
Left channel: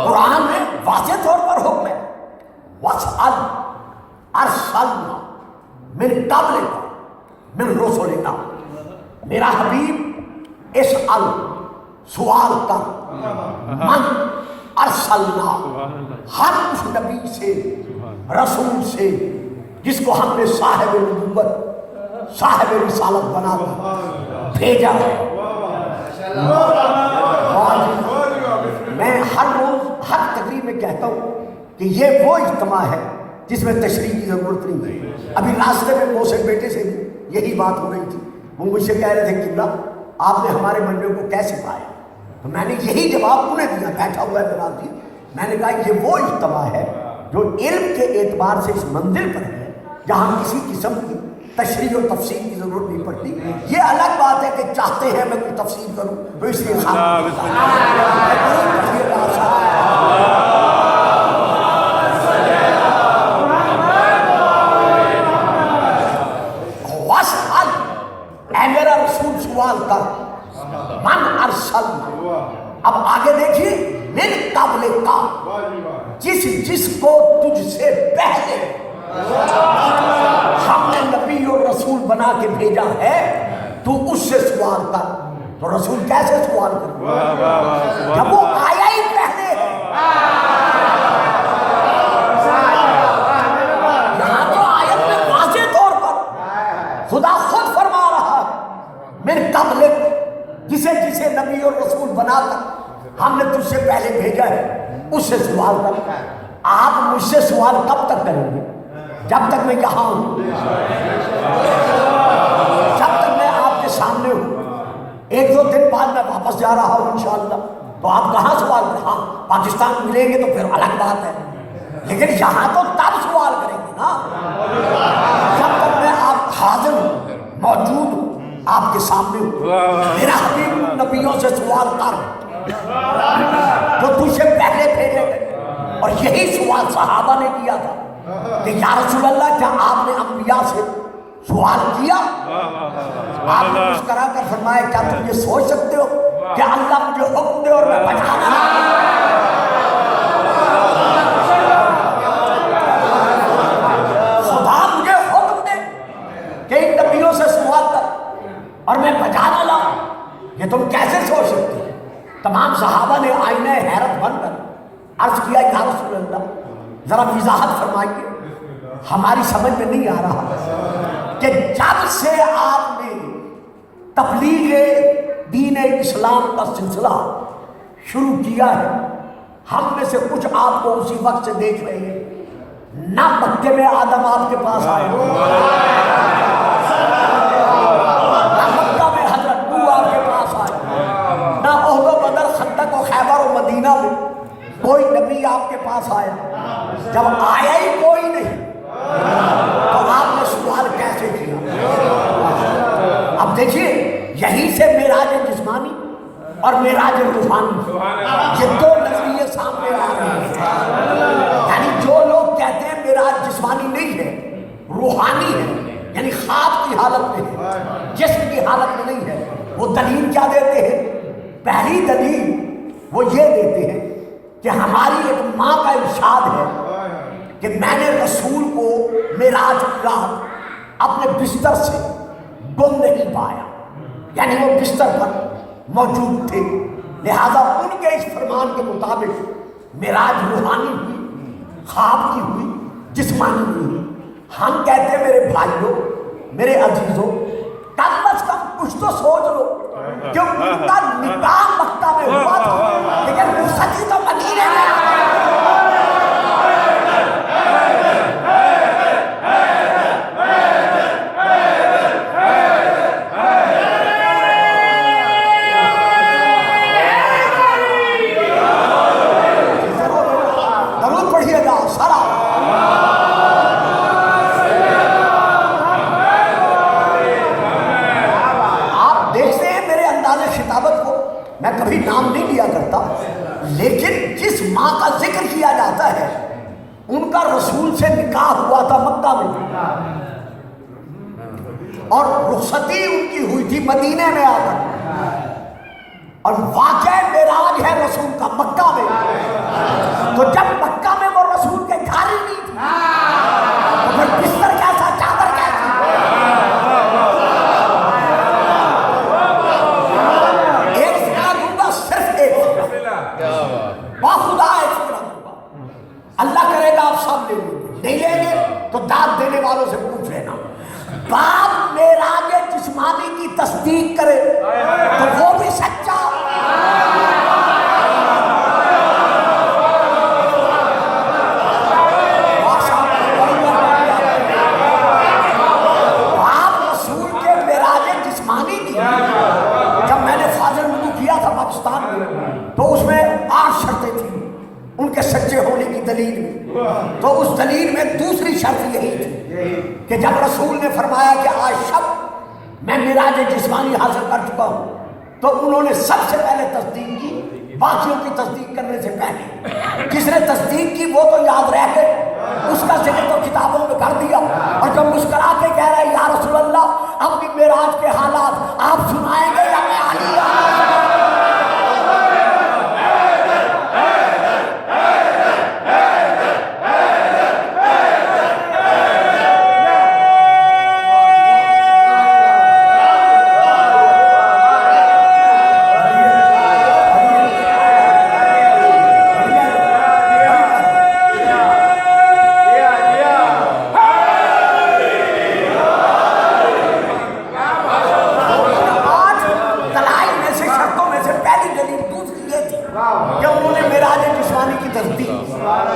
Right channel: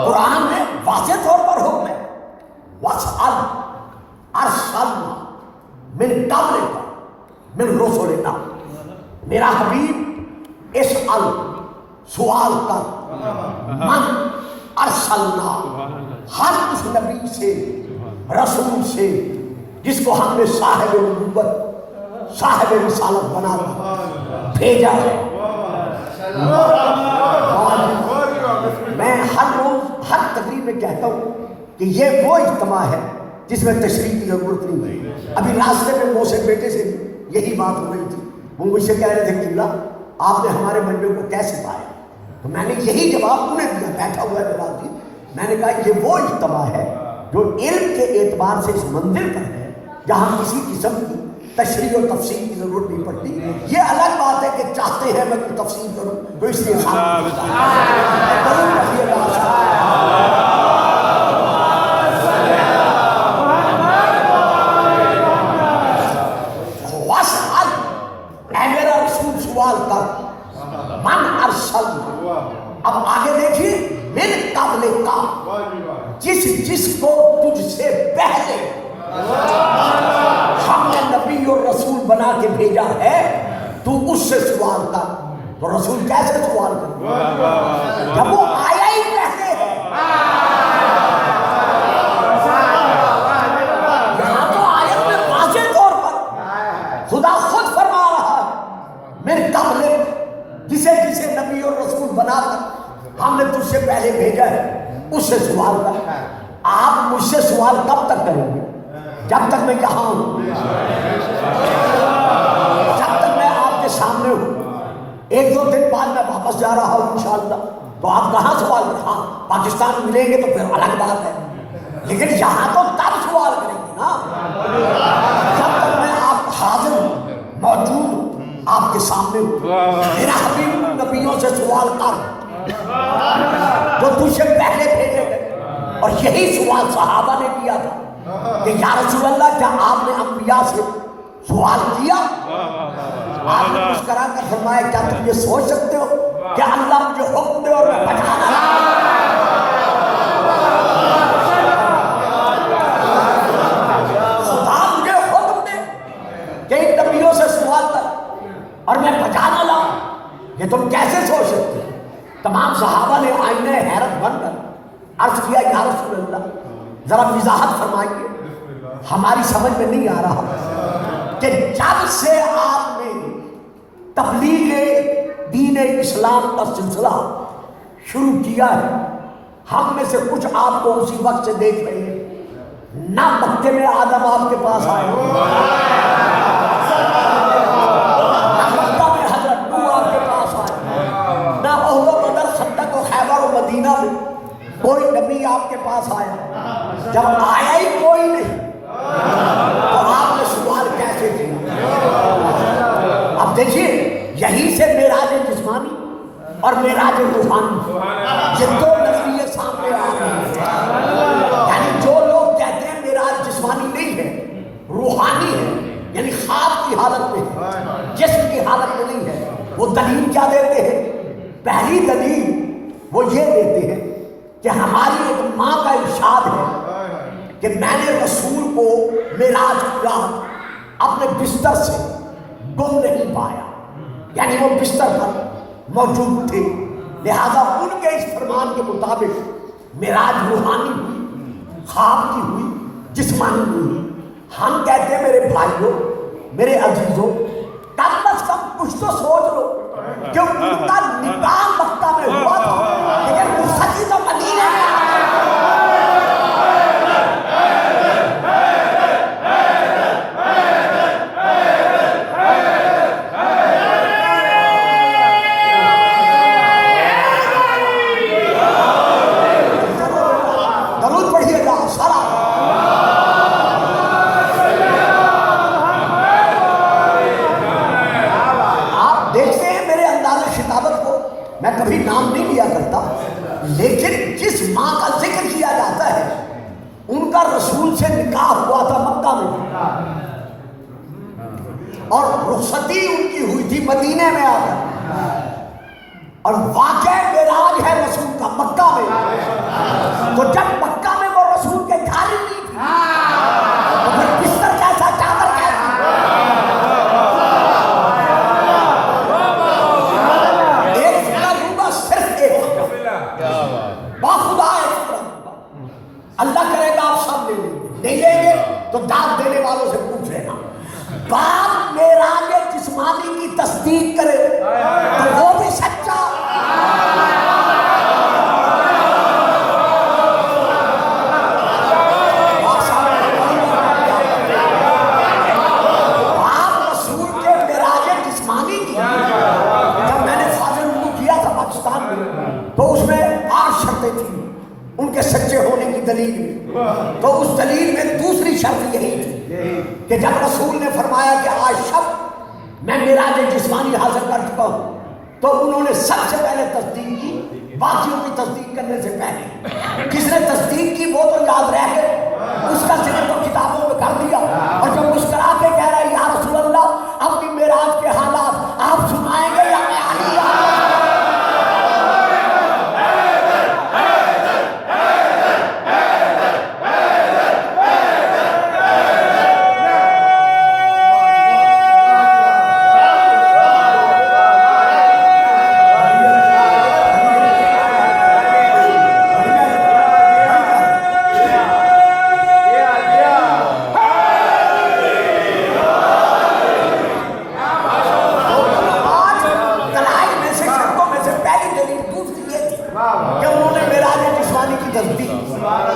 قرآن میں واضح طور پر حکم ہے وَاسْأَلْ أَرْسَلْنَا مِن قَبْلِكَ مِن رُسُلِنَا، میرا حبیب اسأل، سوال کر، من ارسلنا، ہر اس نبی سے، رسول سے جس کو ہم نے صاحب نبوت، صاحب رسالت بنا کر بھیجا ہے۔ میں ہر روز ہر تقریب میں کہتا ہوں کہ یہ وہ اجتماع ہے جس میں تشریح کی ضرورت نہیں ہے۔ ابھی راستے میں محسن بیٹے سے یہی بات ہو رہی تھی، وہ مجھ سے کہہ رہے تھے قبلہ آپ نے ہمارے منڈے کو کیسے پایا؟ تو میں نے یہی جواب انہیں دیا، بیٹھا ہوا ہے بناتی، میں نے کہا یہ وہ اجتماع ہے جو علم کے اعتبار سے اس منزل پر ہے جہاں کسی قسم کی تشریح و تفصیل کی ضرورت نہیں پڑتی۔ یہ الگ بات ہے کہ چاہتے ہیں میں کوئی تفصیل کروں تو اس لیے میرا رسول سوال کر، من ارسل، اب آگے دیکھیے، من قبل کا، جس کو تجھ سے پہلے ہم نے نبی اور رسول بنا کے بھیجا ہے، تو اس سے سوال کر۔ تو رسول کیسے سوال کرے جب وہ آیا ہی پہلے ہے؟ مجھ سے پہلے بھیجا ہے اس سے سوال کرو۔ آپ مجھ سے سوال کب تک کریں گے؟ جب تک میں یہاں ہوں، جب تک میں آپ کے سامنے ہوں۔ ایک دو دن بعد میں واپس جا رہا ہوں انشاءاللہ، تو آپ کہاں سوال کریں؟ ہاں پاکستان ملیں گے تو پھر الگ بات ہے، لیکن یہاں تو تب سوال کریں گے نا جب تک میں آپ حاضر ہوں، موجود ہوں، آپ کے سامنے ہوں۔ میرا حبیب نبیوں سے سوال کر جو تجھ سے پہلے بھیجے گئے، اور یہی سوال صحابہ نے کیا تھا کہ یا رسول اللہ کیا آپ نے انبیاء سے سوال کیا؟ آپ نے مسکرا کر فرمایا کیا تم یہ سوچ سکتے ہو کہ اللہ مجھے حکم دے اور میں بتا رہا خدا مجھے حکم دے کہ ان نبیوں سے سوال کر اور میں بتا ڈالا؟ یہ تم کیسے سوچ سکتے ہو؟ تمام صحابہ نے آئینہ حیرت بن کر عرض کیا یا رسول اللہ ذرا وضاحت فرمائیے، ہماری سمجھ میں نہیں آ رہا کہ جب سے آپ نے تبلیغ دین اسلام کا سلسلہ شروع کیا ہے، ہم میں سے کچھ آپ کو اسی وقت سے دیکھ رہے ہیں، نہ مکے میں آدم آپ کے پاس آئے، نہ مکہ میں حضرت نوح آپ کے پاس آئے، نہ احد و بدر خندق و خیبر و مدینہ میں کوئی نبی آپ کے پاس آئے۔ جب آیا ہی کوئی نہیں تو آپ نے سوال کیسے کیا؟ اب دیکھیے یہیں سے معراج جسمانی اور معراج روحانی یہ دو نظریے سامنے آ رہے ہیں۔ یعنی جو لوگ کہتے ہیں معراج جسمانی نہیں ہے روحانی ہے، یعنی خواب کی حالت میں ہے، جسم کی حالت میں نہیں ہے، وہ دلیل کیا دیتے ہیں؟ پہلی دلیل وہ یہ دیتے ہیں کہ ہماری ایک ماں کا ارشاد ہے کہ میں نے رسول کو معراج کی رات اپنے بستر سے گم نہیں پایا، یعنی وہ بستر پر موجود تھے، لہذا ان کے اس فرمان کے مطابق معراج روحانی ہوئی، خواب کی ہوئی، جسمانی ہوئی۔ ہم کہتے ہیں میرے بھائیوں، میرے عزیزوں، کم از کم کچھ تو سوچ لو کہ ان کا نکاح مکہ میں ہوا تھا لیکن رخصتی تو مدینے میں لیکن جس ماں کا ذکر کیا جاتا ہے ان کا رسول سے نکاح ہوا تھا مکہ میں، اور رخصتی ان کی ہوئی تھی مدینے میں آ کر، اور واقع معراج ہے رسول کا مکہ میں۔ تو جب مکہ میں وہ رسول کے گھر ہی نہیں تھی تو پھر بستر کیسا، چادر کیسا؟ ایک فکرہ دوں گا، صرف ایک باخدا ایک فکرہ دوں گا، اللہ کرے گا آپ سب لے لیں گے، نہیں لیں گے تو داد دینے والوں سے پوچھ لینا۔ باپ معراج جسمانی کی تصدیق کرے تو وہ بھی سچا، ان کے سچے ہونے کی دلیل میں، تو اس دلیل میں دوسری شرط یہی تھی کہ جب رسول نے فرمایا کہ آج شب میں معراج جسمانی حاصل کر چکا ہوں، تو انہوں نے سب سے پہلے تصدیق کی، باقیوں کی تصدیق کرنے سے پہلے جس نے تصدیق کی وہ تو یاد رہ گئے، اس کا ذکر تو کتابوں میں کر دیا، اور جو مسکرا کے کہہ رہا ہے یا رسول اللہ اپنی معراج کے حالات آپ سنائیں گے یا میں تصدیق،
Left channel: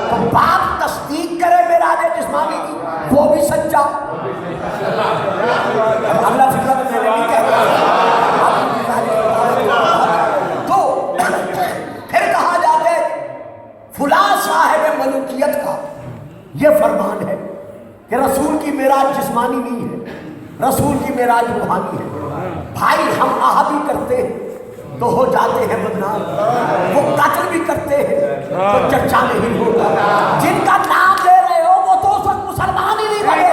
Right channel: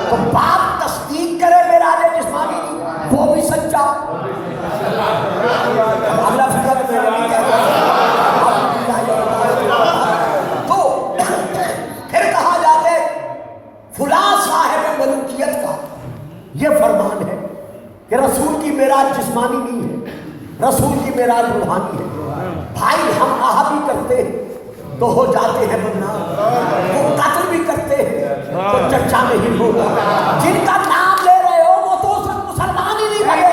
تو باپ تصدیق کرے معراج جسمانی کی، وہ بھی سچا۔ اگلا فکر میں نے نہیں کہا، تو پھر کہا جاتے فلاں صاحب ملوکیت کا یہ فرمان ہے کہ رسول کی معراج جسمانی نہیں ہے، رسول کی معراج روحانی ہے۔ بھائی ہم آہ بھی کرتے ہیں تو ہو جاتے ہیں بدنام، وہ قتل بھی کرتے ہیں تو چرچا نہیں ہوتا۔ جن کا نام لے رہے ہو وہ تو صرف مسلمان ہی نہیں بنے،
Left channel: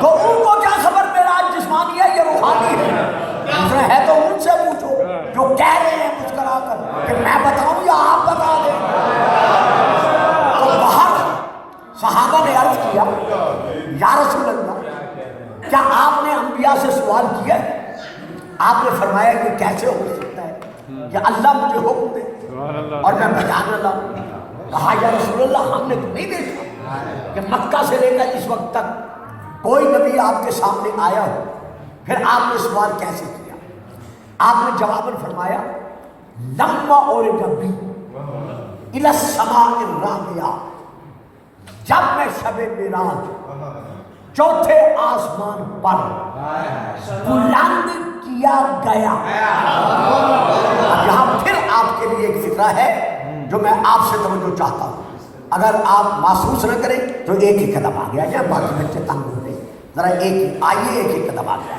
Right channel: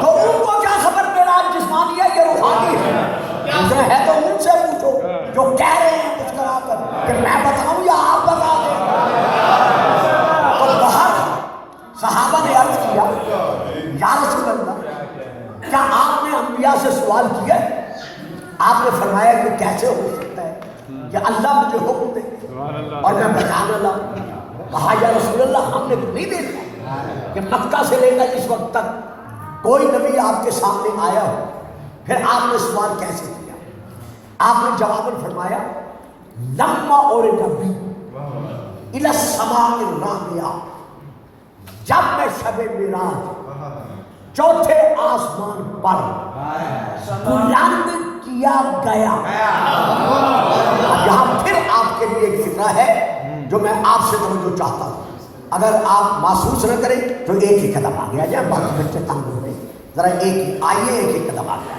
تو ان کو کیا خبر معراج جسمانی ہے یا روحانی ہے؟ ہے تو ان سے پوچھو جو کہہ رہے ہیں کچھ کرا کر کہ میں بتاؤں یا آپ بتا دیں۔ تو باہر صحابہ نے عرض کیا یا رسول اللہ کیا آپ نے انبیاء سے سوال کیا؟ آپ نے فرمایا کہ کیسے ہو سکتا ہے کہ اللہ مجھے حکم دے اور میں بجانے لگا۔ کہا یا رسول اللہ ہم نے تو نہیں دیکھا کہ مکہ سے لے کر اس وقت تک کوئی نبی آپ کے سامنے آیا ہو، پھر آپ نے سوال کیسے کیا؟ آپ نے جواباً فرمایا لما اورد بی الی السماء الرابعہ، جب میں شب معراج چوتھے آسمان پر بلند کیا گیا۔ یہاں پھر آپ کے لیے ایک فکرہ ہے جو میں آپ سے توجہ چاہتا ہوں، اگر آپ محسوس نہ کریں تو ایک ہی قدم آ گیا جائے، باقی بچے تنگ ہوتے ہیں، ذرا ایک ہی آئیے، ایک ہی قدم آ گیا۔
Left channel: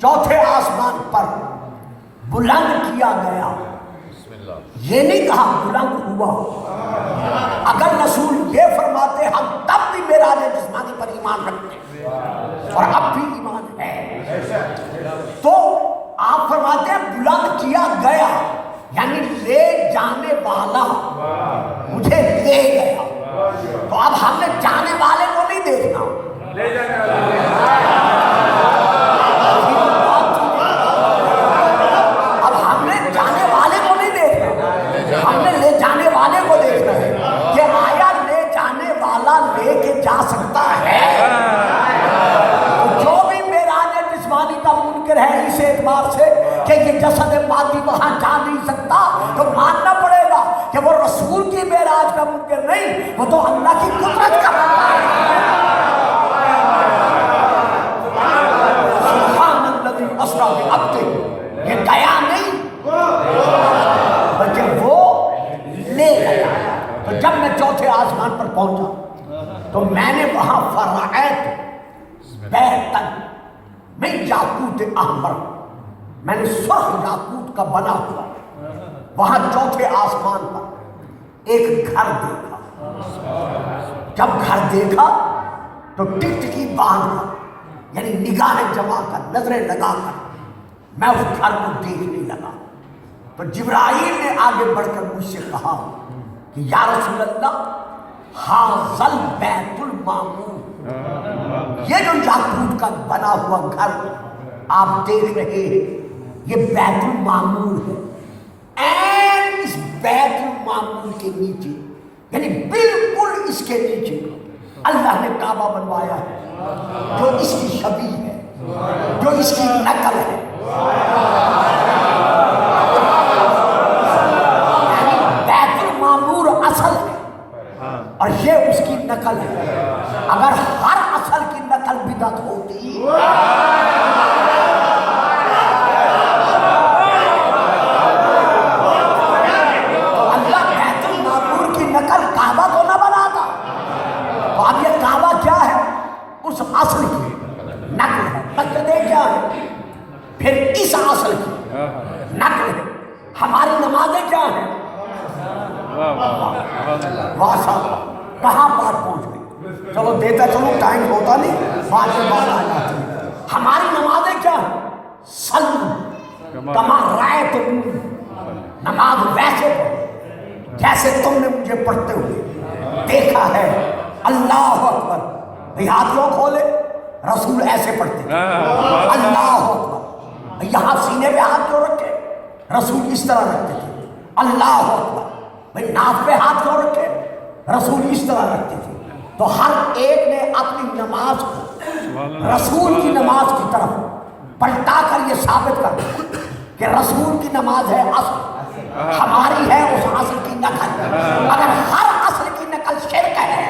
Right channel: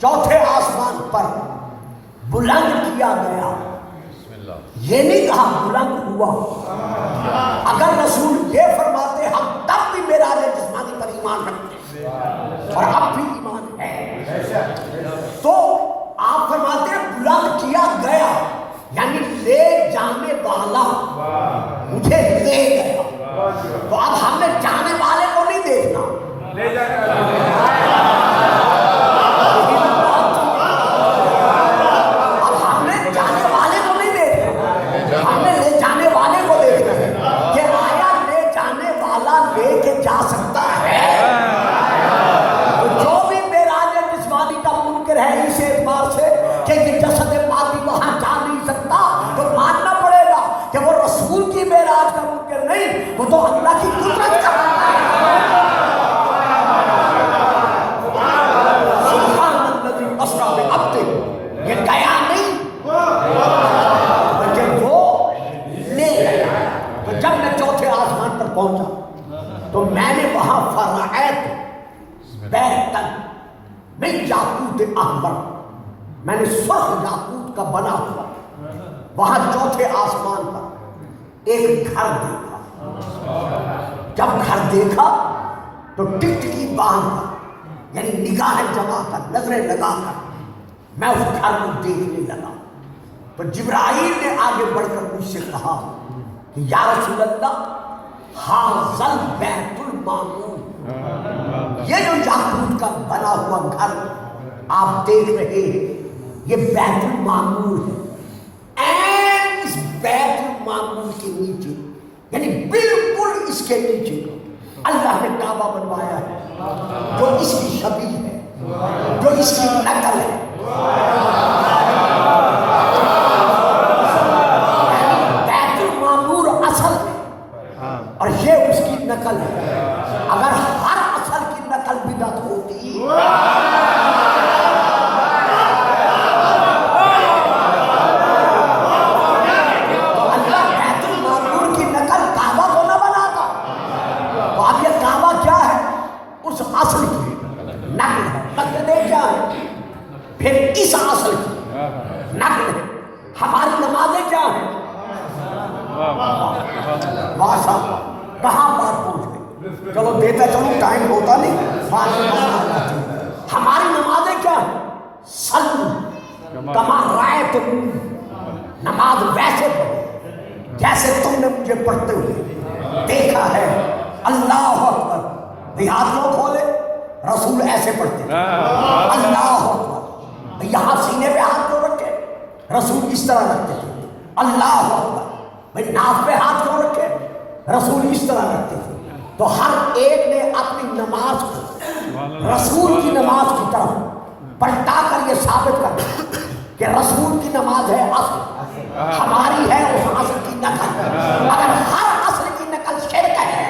چوتھے آسمان پر بلند کیا گیا، یہ نہیں کہا بلند ہوا۔ اگر رسول یہ فرماتے ہم تب بھی معراج جسمانی پر ایمان رکھتے اور اب بھی ایمان ہے، تو آپ فرماتے بلند کیا گیا یعنی لے جانے والا مجھے لے گیا، تو اب ہم نے جانے والے کو نہیں دیکھنا، وہ تو اللہ کی قدرت کا سبحان الذی اسریٰ بعبدہ، یہ گیا نہیں بلکہ وہ لے گیا۔ تو جب میں چوتھے آسمان پر پہنچا تو میں نے وہاں فرعیت بیتاً من یاقوت احمر، میں نے سرخ یاقوت کا بنا ہوا وہاں چوتھے آسمان پر ایک گھر دیکھا۔ جب گھر دیکھا تو ٹکٹکی باندھ یعنی نگاہیں جما کر نظریں لگا کر میں اس گھر کو دیکھنے لگا، تو جبرائیل نے آگے بڑھ کر مجھ سے کہا کہ یا رسول اللہ ھذا البیت المعمور، یہ جو یاقوت کا بنا ہوا گھر آپ دیکھ رہے ہیں یہ بیت المعمور ہے۔ این اس بیت المعمور کے نیچے یعنی بالکل اس کے نیچے اللہ نے کعبہ بنوایا ہے جو اس کی شبیہ ہے، جو اس کی نقل ہے، یعنی بیت المعمور اصل ہے اور یہ اس کی نقل ہے۔ اگر ہر اصل کی نقل بدعت ہوتی پھر اس اصل کی نقل ہے۔ ہماری نمازیں کیا ہیں؟ واسا کہاں بات پہنچ گئی؟ چلو دیتا چلو ٹائم ہوتا نہیں، ہماری نمازیں کیا ہیں؟ صلو کما رأیتم، نماز ویسے جیسے تم نے مجھے پڑھتے ہوئے دیکھا ہے۔ اللہ اکبر، دیہات لوگ کھولے رسول ایسے پڑھتے پڑھتے تھے. اللہ اکبر. یہاں سینے پہ ہاتھ کیوں رکھے؟ رسول اس طرح رکھتے تھے. اللہ اکبر. بھائی ناف پہ ہاتھ کیوں رکھے؟ رسول اس طرح رکھتے تھے. تو ہر ایک نے اپنی نماز کو رسول کی نماز کی طرف پلٹا کر یہ ثابت کر دیا کہ رسول کی نماز ہے اصل، ہماری ہے اس اصل کی نقل. اگر ہر اصل کی نقل شرک ہے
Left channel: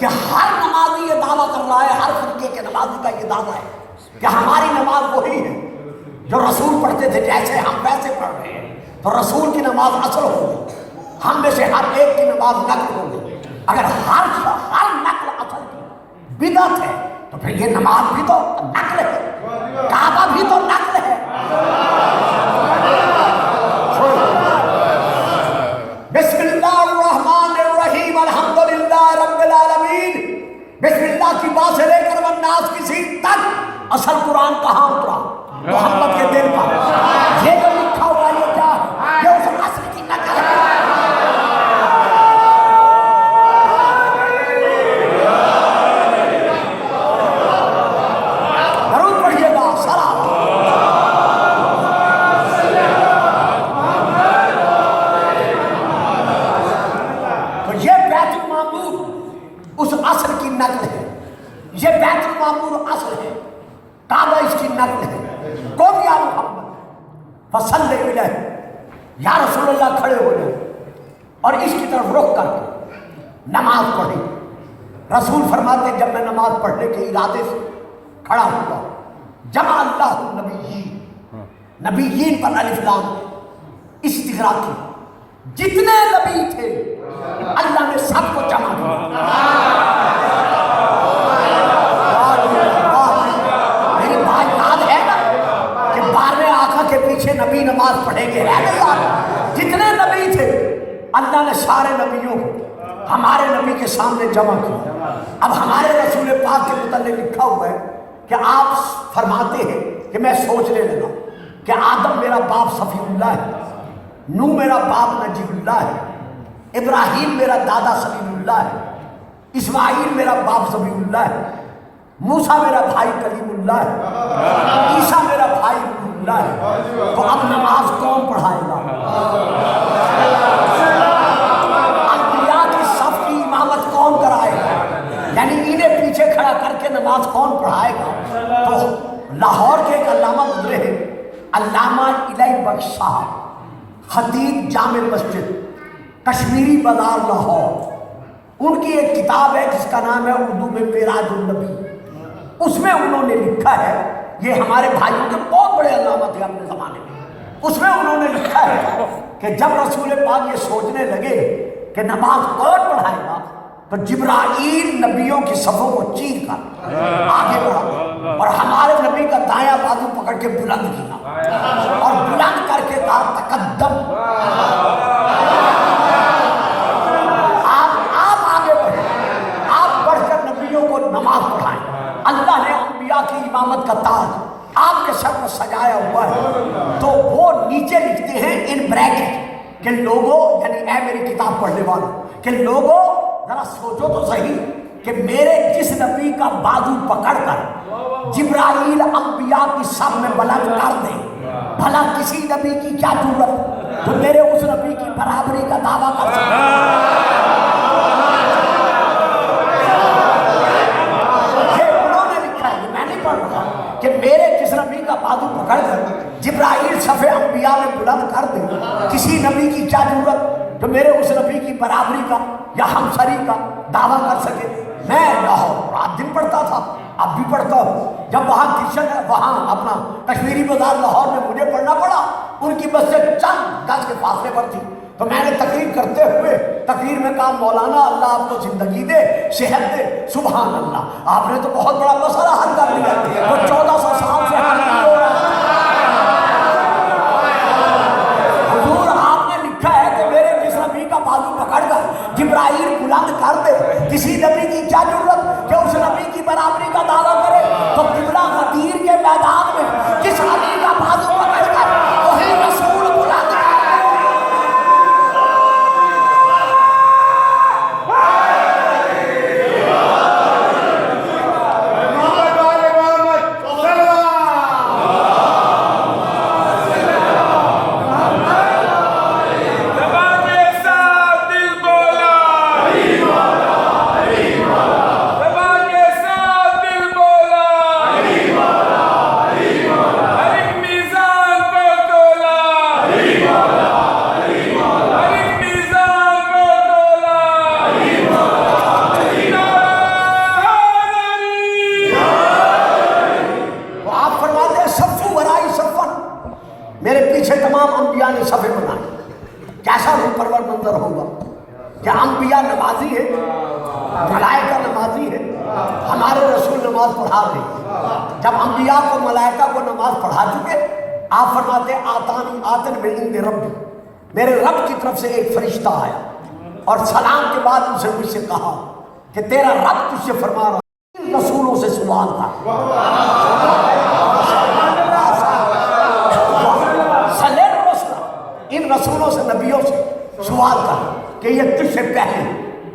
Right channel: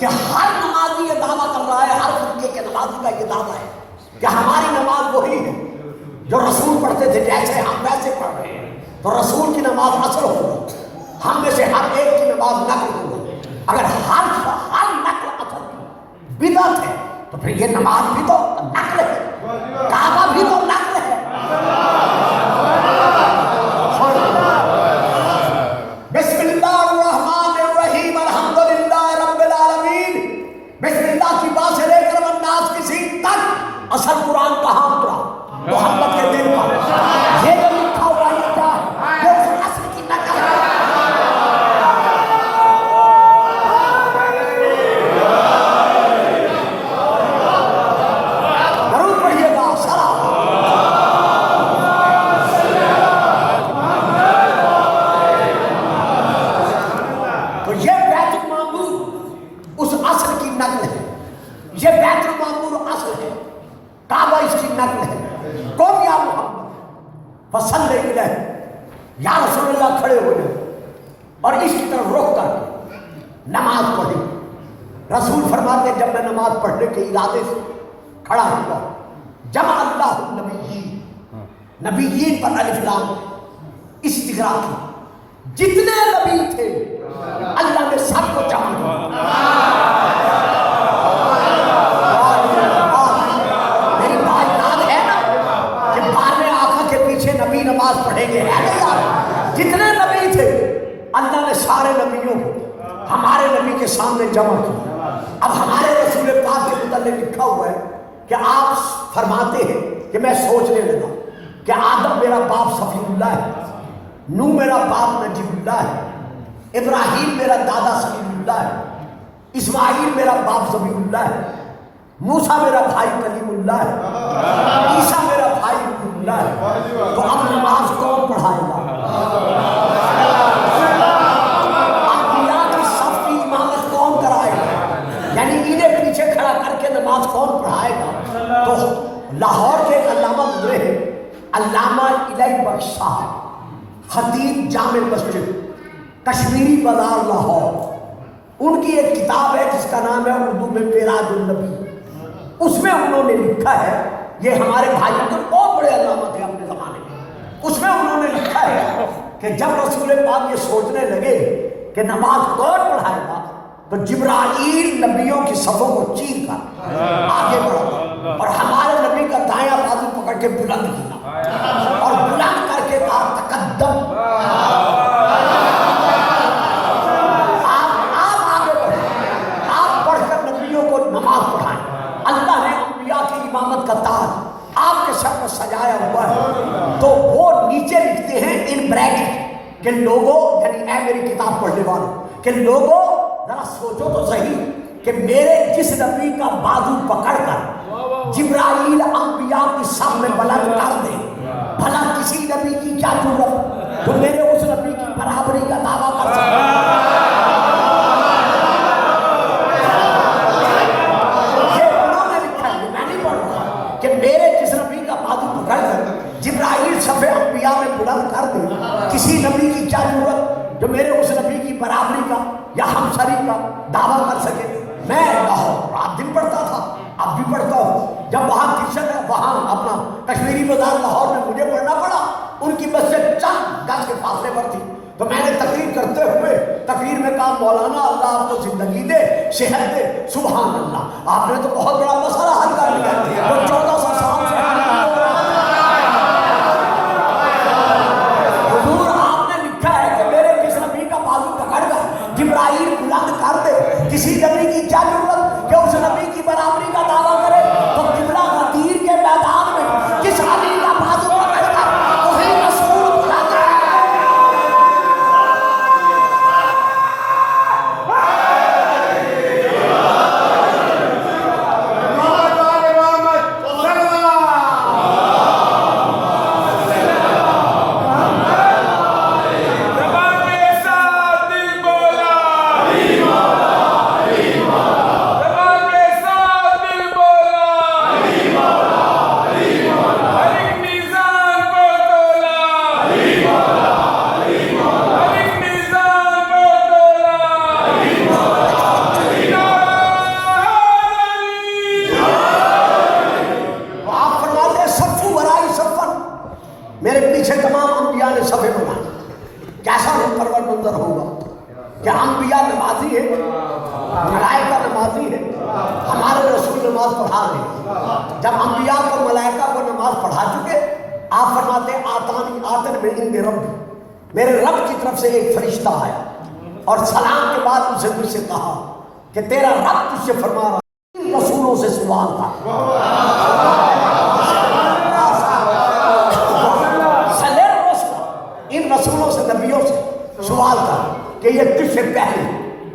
کہ ہر نمازی یہ دعویٰ کر رہا ہے، ہر فرقے کے نمازی کا یہ دعویٰ ہے کہ ہماری نماز وہی ہے جو رسول پڑھتے تھے، جیسے ہم ویسے پڑھ رہے ہیں. تو رسول کی نماز اصل ہوگی، ہم میں سے ہر ایک کی نماز نقل ہوگی. اگر ہر نقل اصل کی بدعت ہے تو پھر یہ نماز بھی تو نقل ہے، کعبہ بھی تو نقل ہے. بسم اللہ الرحمن الرحیم الحمدللہ رب العالمین. بسم اللہ کی بات سے لے کر والناس کی سین تک اصل قرآن کہاں اترا؟ محمد کے دل پر. یہ جو لکھا ہوا یہ کیا ہے؟ یہ اس اصل کی نقل ہے. ضرور پڑھیے گا سلام. تو یہ بیت المعمور اس اصل کی نقل ہے. یہ بیت المعمور اصل ہے، کعبہ اس کی نقل ہے. کون یا محمد فصلی علیہ، یا رسول اللہ کھڑے ہوئے اور اس کی طرف رخ کر کے نماز پڑھی. رسول فرماتے جب میں نماز پڑھنے کے ارادے سے کھڑا ہوا، جمع اللہ النبیین، نبیین پر الف لام استغراق کی، جتنے نبی تھے اللہ نے سب کو جمع کیا. میری بات یاد ہے نا کہ بارہویں آقا کے پیچھے نبی نماز پڑھیں گے. جتنے نبی تھے اللہ نے سارے نبیوں کو ہمارے نبی کے سامنے جمع کیا. اب ہمارے رسول پاک کے متعلق لکھا ہوا ہے کہ آپ فرماتے ہیں کہ میں سوچنے لگا کہ آدم میرا باپ صفی اللہ ہے، نوح میرا باپ نجیب اللہ ہے، ابراہیم میرا دادا سلیم اللہ ہے، اسماعیل میرا باپ ذبیح اللہ ہے، موسیٰ میرا بھائی کلیم اللہ ہے، عیسیٰ میرا بھائی روح اللہ ہے. تو اب نماز کون پڑھائے گا؟ انبیاء کی صف کی امامت کون کرائے گا؟ یعنی انہیں پیچھے کھڑا کر کے نماز کون پڑھائے گا؟ تو لاہور کے ایک علامہ گزرے ہیں، علامہ الہی بخش صاحب، خطیب جامع مسجد کشمیری بازار لاہور. ان کی ایک کتاب ہے جس کا نام ہے اردو میں معراج النبی. اس میں انہوں نے لکھا ہے، یہ ہمارے بھائیوں کے بہت بڑے علامہ تھے اپنے زمانے میں. اس میں انہوں نے لکھا ہے کہ جب رسول پاک یہ سوچنے لگے کہ نماز کون پڑھائے گا تو جبرائیل نبیوں کی صفوں کو چیر کر آگے بڑھا اور ہمارے نبی کا دایاں بازو پکڑ کے بلند کیا اور بلند کر کے کہا تقدم. کا تاج آپ کے سر پر سجایا ہوا ہے. تو وہ نیچے لکھتے ہیں ان بریکٹ کہ لوگوں، یعنی اے میری کتاب پڑھنے والوں، کہ لوگوں ذرا سوچو تو صحیح کہ میرے جس نبی کا بازو پکڑ کر جبرائیل انبیاء کی صف میں بلند کر دے، بھلا کسی نبی کی کیا ضرورت تو میرے اس نبی کی برابری کا دعویٰ کر سکتا. کہ میرے جس نبی کا بازو پکڑ کر جبرائیل صف انبیاء میں بلند کر دے، کسی نبی کی کیا ضرورت جو میرے اس نبی کی برابری کا یا ہمسری کا دعویٰ کر سکے. میں رات دن پڑھتا تھا، اب بھی پڑھتا ہوں. جب وہاں کرشن ہے، وہاں اپنا کشمیری بازار لاہور میں مجھے پڑھنا پڑا. ان کی مسجد چند گز کے فاصلے پر تھی. تو میں نے تقریر کرتے ہوئے تقریر میں کہا مولانا اللہ آپ کو زندگی دے، صحت دے. سبحان اللہ، آپ نے تو بہت بڑا مسئلہ حل کر لیا. 1400 سال سے حضور آپ نے لکھا ہے کہ میرے جس نبی کا بازو پکڑ کر جبرائیل بلند کر دے، کسی نبی کی کیا ضرورت کہ اس نبی کی برابری کا دعویٰ کرے. جب انبیاء کو ملائکہ کو نماز پڑھا چکے آپ فرماتے آتانی آتن من عند ربی، میرے رب کی طرف سے ایک فرشتہ آیا اور سلام کے بعد اسے مجھ سے کہا کہ تیرا رب تجھ سے فرما رہا ہے ان رسولوں سے سوال کر، ان رسولوں سے نبیوں سے سوال کر کہ یہ تجھ سے پہلے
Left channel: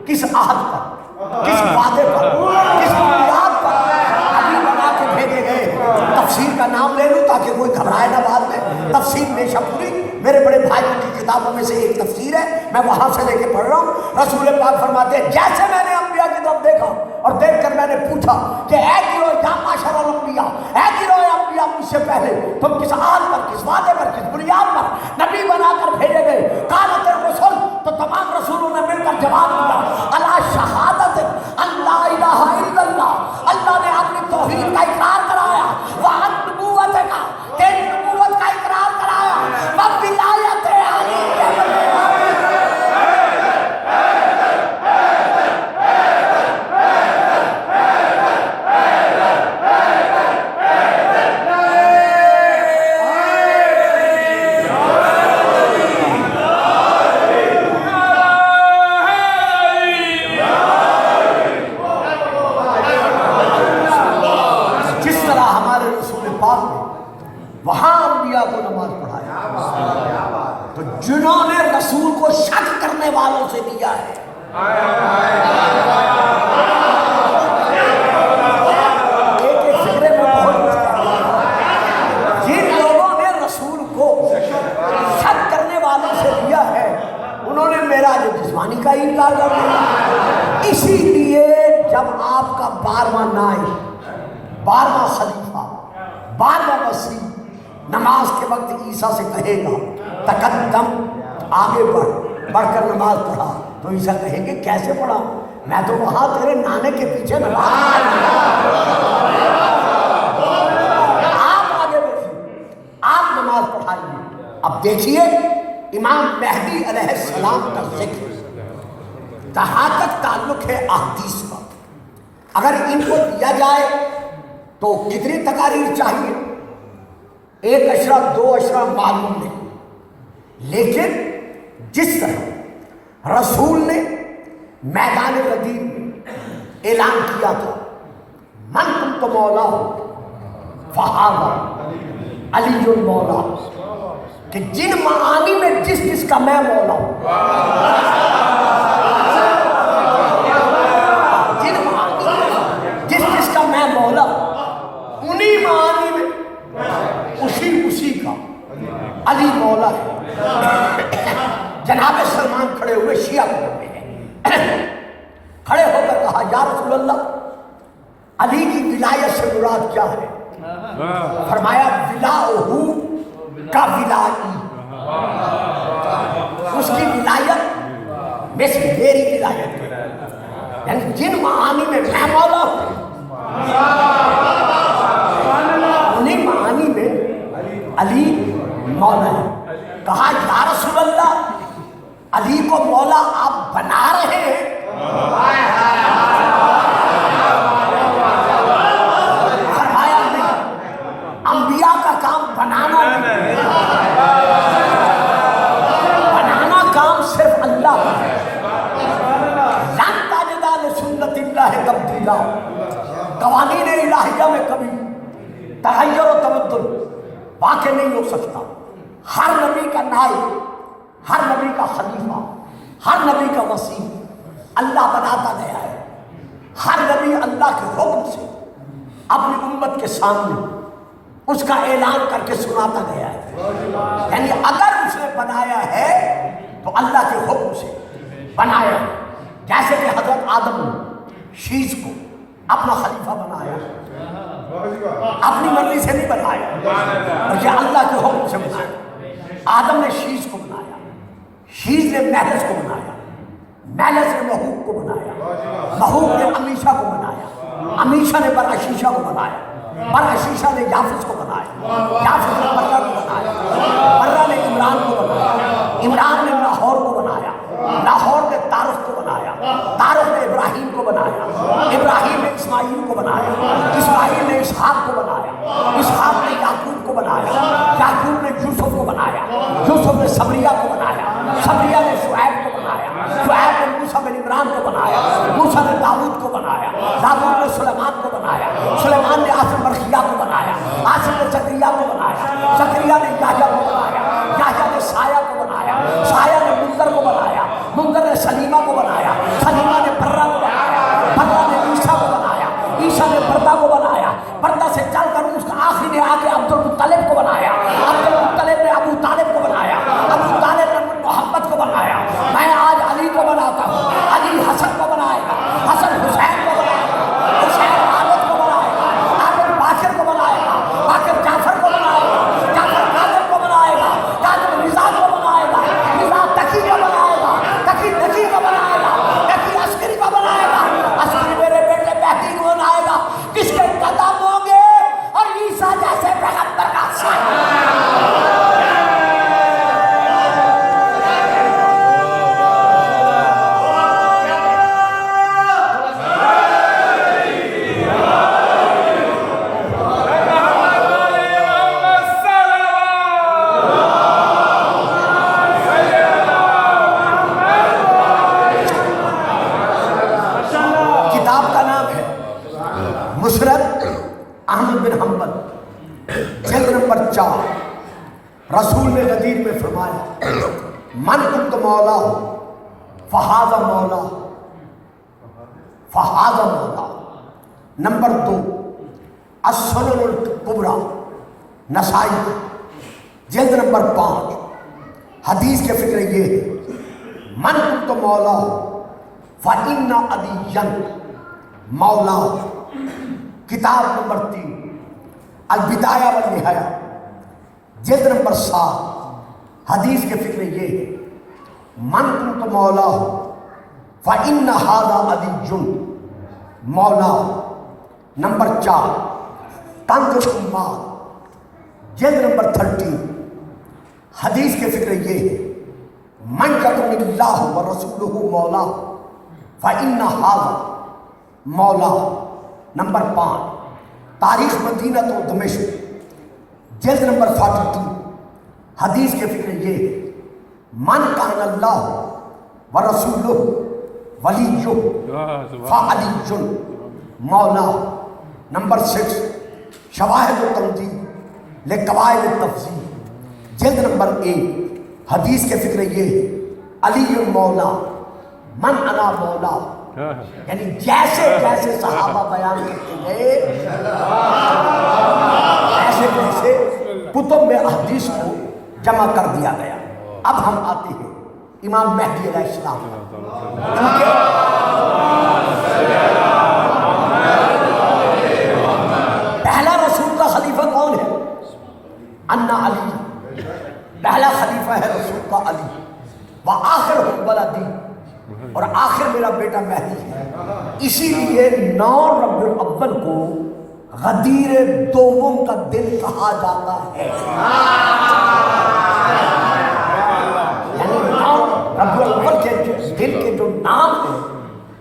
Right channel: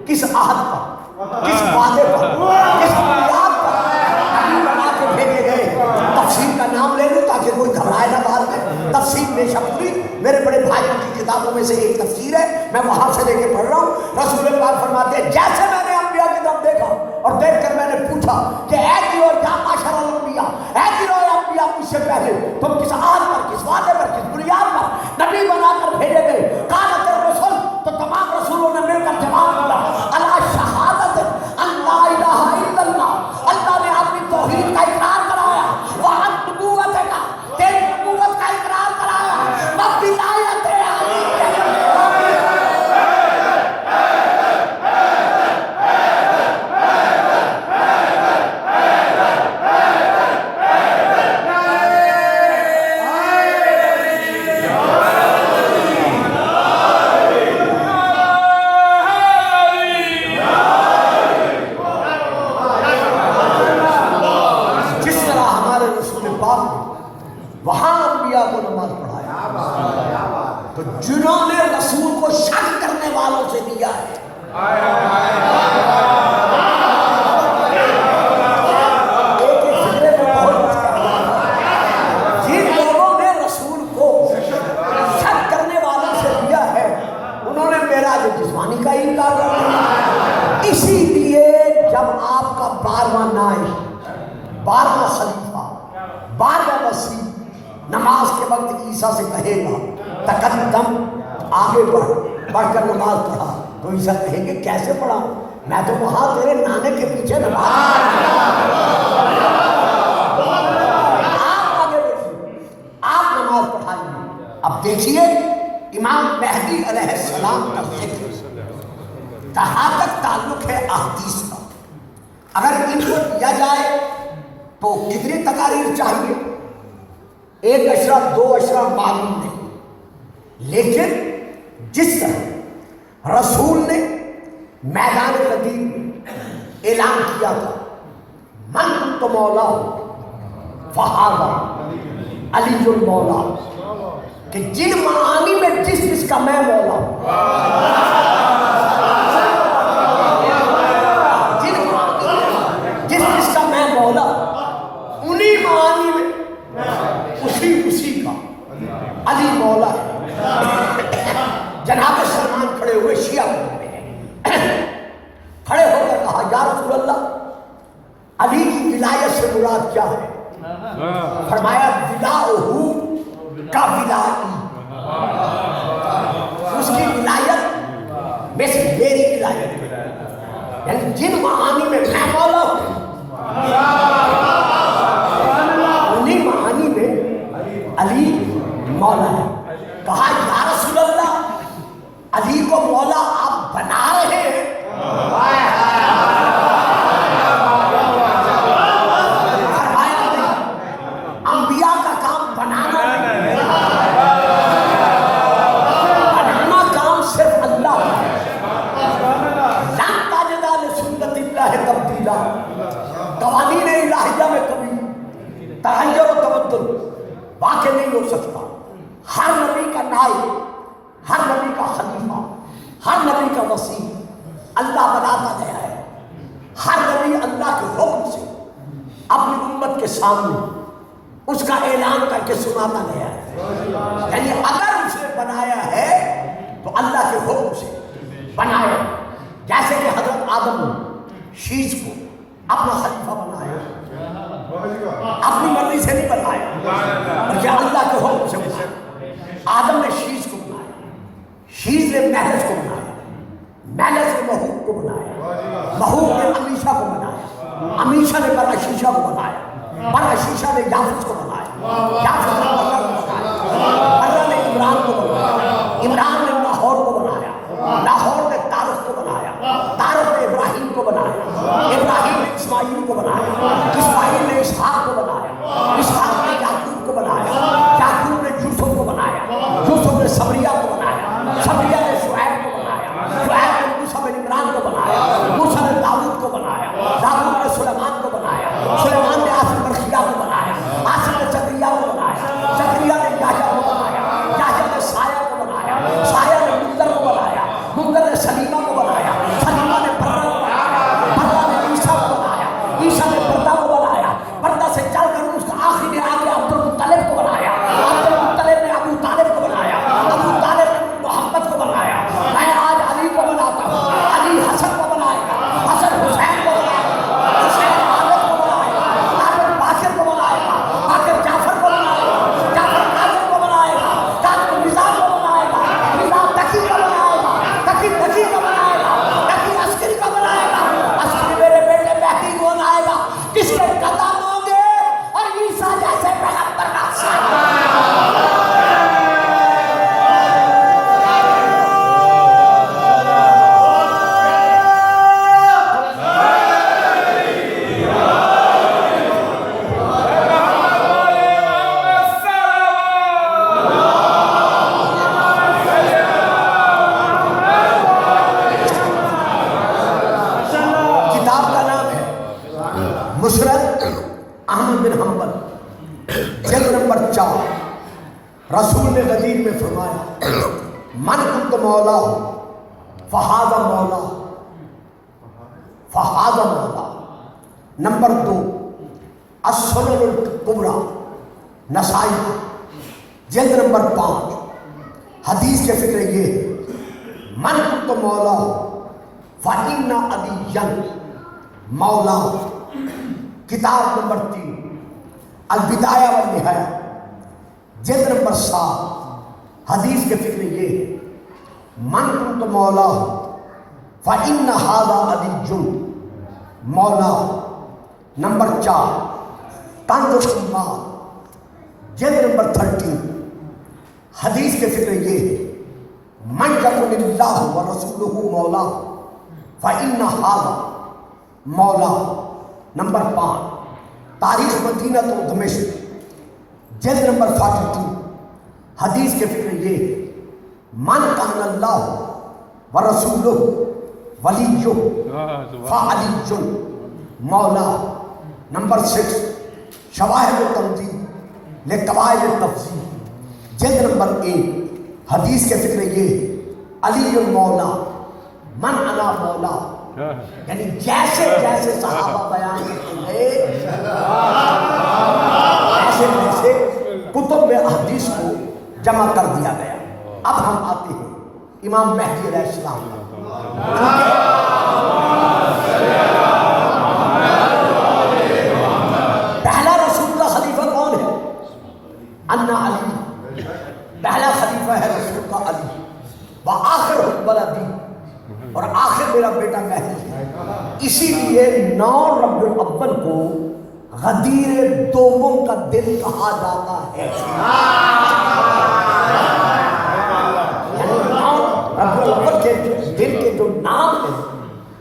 کس عہد پر، کس وعدے پر، کس بنیاد پر نبی بنا کے بھیجے گئے۔ تفسیر کا نام لے لوں تاکہ کوئی گھبرائے نہ بعد میں، تفسیر بے شک ہوئی، میرے بڑے بھائی کی کتابوں میں سے ایک تفسیر ہے، میں وہاں سے لے کے پڑھ رہا ہوں۔ رسول پاک فرماتے ہیں جیسے میں نے انبیاء کی طرف دیکھا اور دیکھ کر میں نے پوچھا کہ اے گروہ یا معاشر الانبیاء، اے گروہ انبیاء مجھ سے پہلے تم کس عہد پر، کس وعدے پر، کس بنیاد پر نبی بنا کر بھیجے گئے؟ قالت الرسل، تو تمام رسولوں نے مل کر جواب دیا الا شہادت ان لا الہ الا اللہ، اللہ نے اپنی توحید کا اقرار کرایا، وعن نبوت کا، تیری نبوت کا اقرار کرایا، وولایت علی جنہوں نے رسول کو شک کرنے والوں سے دیا ہے۔ جن لوگوں نے رسول کو شک کرنے والوں سے دیا ہے انہوں نے میرا جو جسمانی کا انکار کر دیا۔ اسی لیے جب آپ کا 12واں نائب، 12واں خلیفہ، 12واں وصی نماز کے وقت عیسیٰ سے کہے گا تقدم، آگے بڑھ کر نماز پڑھا، تو عیسیٰ کہیں گے کیسے پڑھا؟ میں تو وہاں تیرے نانے کے پیچھے نماز، آپ آگے بڑھیے، آپ نماز پڑھائیے۔ اب دیکھیے امام مہدی علیہ السلام کا ذکر جہاں تک تعلق ہے احادیث کا، اگر ان کو لیا جائے تو کتنی تقاریر چاہیے؟ 1 اشرف 2 اشرف معلوم نہیں، لیکن جس طرح رسول نے میدان غدیر میں اعلان کیا تھا من کنت مولا فہذا علی المولا، کہ جن معانی میں جس جس کا میں مولا ہوں، جن جس جس کا میں مولا انہی معانی میں اسی کا علی مولا ہے۔ جناب سلمان کھڑے ہوئے شیعہ میں کھڑے ہو کر کہا یا رسول اللہ علی کی ولایت سے مراد کیا ہے؟ فرمایا ولاؤہ کا ولائی، اس کی ولایت میں سے میری ولایت ہے، یعنی جن معانی میں میں مولا ہوں انہیں معانی میں علی مولا ہے۔ کہا یا رسول اللہ علی کو مولا آپ بنا رہے ہیں؟ فرمایا نہیں، انبیاء کا کام بنانا نہیں، بنانا کام صرف اللہ ہے۔ لن تجد لسنت اللہ تبدیلا، قوانین الہیہ میں کبھی تغیر و تبدل واقع نہیں ہو سکتا۔ ہر نبی کا نائب، ہر نبی کا خلیفہ، ہر نبی کا وصی اللہ بناتا گیا ہے۔ ہر نبی اللہ کے حکم سے اپنی امت کے سامنے اس کا اعلان کر کے سناتا گیا ہے، یعنی اگر اس نے بنایا ہے تو اللہ کے حکم سے بنایا، جیسے کہ حضرت آدم نے شیش کو اپنا خلیفہ بنایا، اپنی مرضی سے نہیں بنایا، مجھے اللہ کے حکم سے بنایا۔ آدم نے شیش کو بنایا، شیش نے محلس کو بنایا، محلس نے محوق کو بنایا، محوق نے امیشہ کو بنایا، امیشہ نے بڑا شیشہ کو بنایا، بڑا شیشہ نے یافس کو بنایا، یافس نے برہ کو بنایا، برہ نے عمران کو بنایا، عمران نے لاہور کو بنایا، لاہور نے تارخ کو بنایا، تارخ نے ابراہیم کو بنایا، ابراہیم نے اسماعیل کو بنایا، اسماعیل نے اسحاق اول جلد نمبر 4 رسول نے غدیر میں فرمایا من کنت مولا فہذا مولا فہذا مولا. نمبر 2 السنن الکبریٰ نسائی جلد نمبر 5 حدیث کے فکر یہ من کنت مولا فإن علیًا مولا. کتاب نمبر 3 البدایہ والنہایہ جلد نمبر 7 حدیث کے فکر یہ من کنت مولا فإن ھذا علیٌ مولا. نمبر 4 کنز الایمان جلد نمبر 13 حدیث کے فکر یہ من یکن اللہ ورسولہ مولا فإن ھذا مولا. نمبر 5 تاریخ مدینہ و دمشق جلد نمبر 42 حدیث کے فکر یہ من کان اللہ ورسولہ ولیہ فعلی مولا. نمبر 6 شواہد و تنظیم لقواعد التفسیر جلد نمبر 1 حدیث کے فکر یہ علی مولا من انا مولا. یعنی جیسے جیسے صحابہ بیان کرتے گئے ایسے ایسے کتب میں حدیث کو جمع کر دیا گیا. اب ہم آتے ہیں امام مہدی علیہ السلام. پہلا رسول کا خلیفہ کون ہے؟ انا علی. پہلا خلیفہ ہے رسول کا علی. وآخر ولدی اور آخر میرا بیٹا مہدی ہے. اسی لیے 9 ربیع الاول کو غدیر دوم کا دن کہا جاتا ہے. یعنی 9 ربیع الاول کے دن کے جو نام ہیں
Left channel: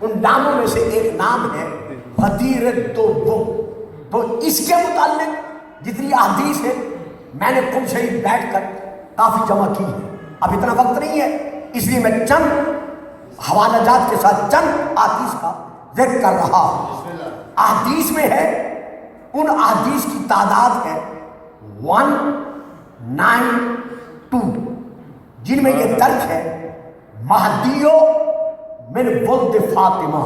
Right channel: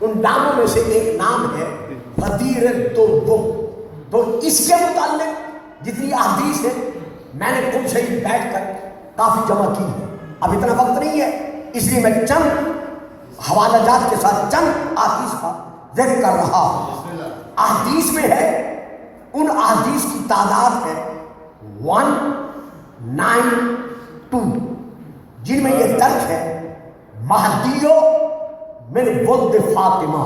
ان ناموں میں سے ایک نام ہے غدیر دوم. تو اس کے متعلق جتنی احادیث ہے میں نے تم سے ہی بیٹھ کر کافی جمع کی ہے. اب اتنا وقت نہیں ہے اس لیے میں چند حوالہ جات کے ساتھ چند احادیث کا ذکر کر رہا ہوں. احادیث میں ہے ان احادیث کی تعداد ہے 192 جن میں یہ درج ہے مہدیو من ولد فاطمہ.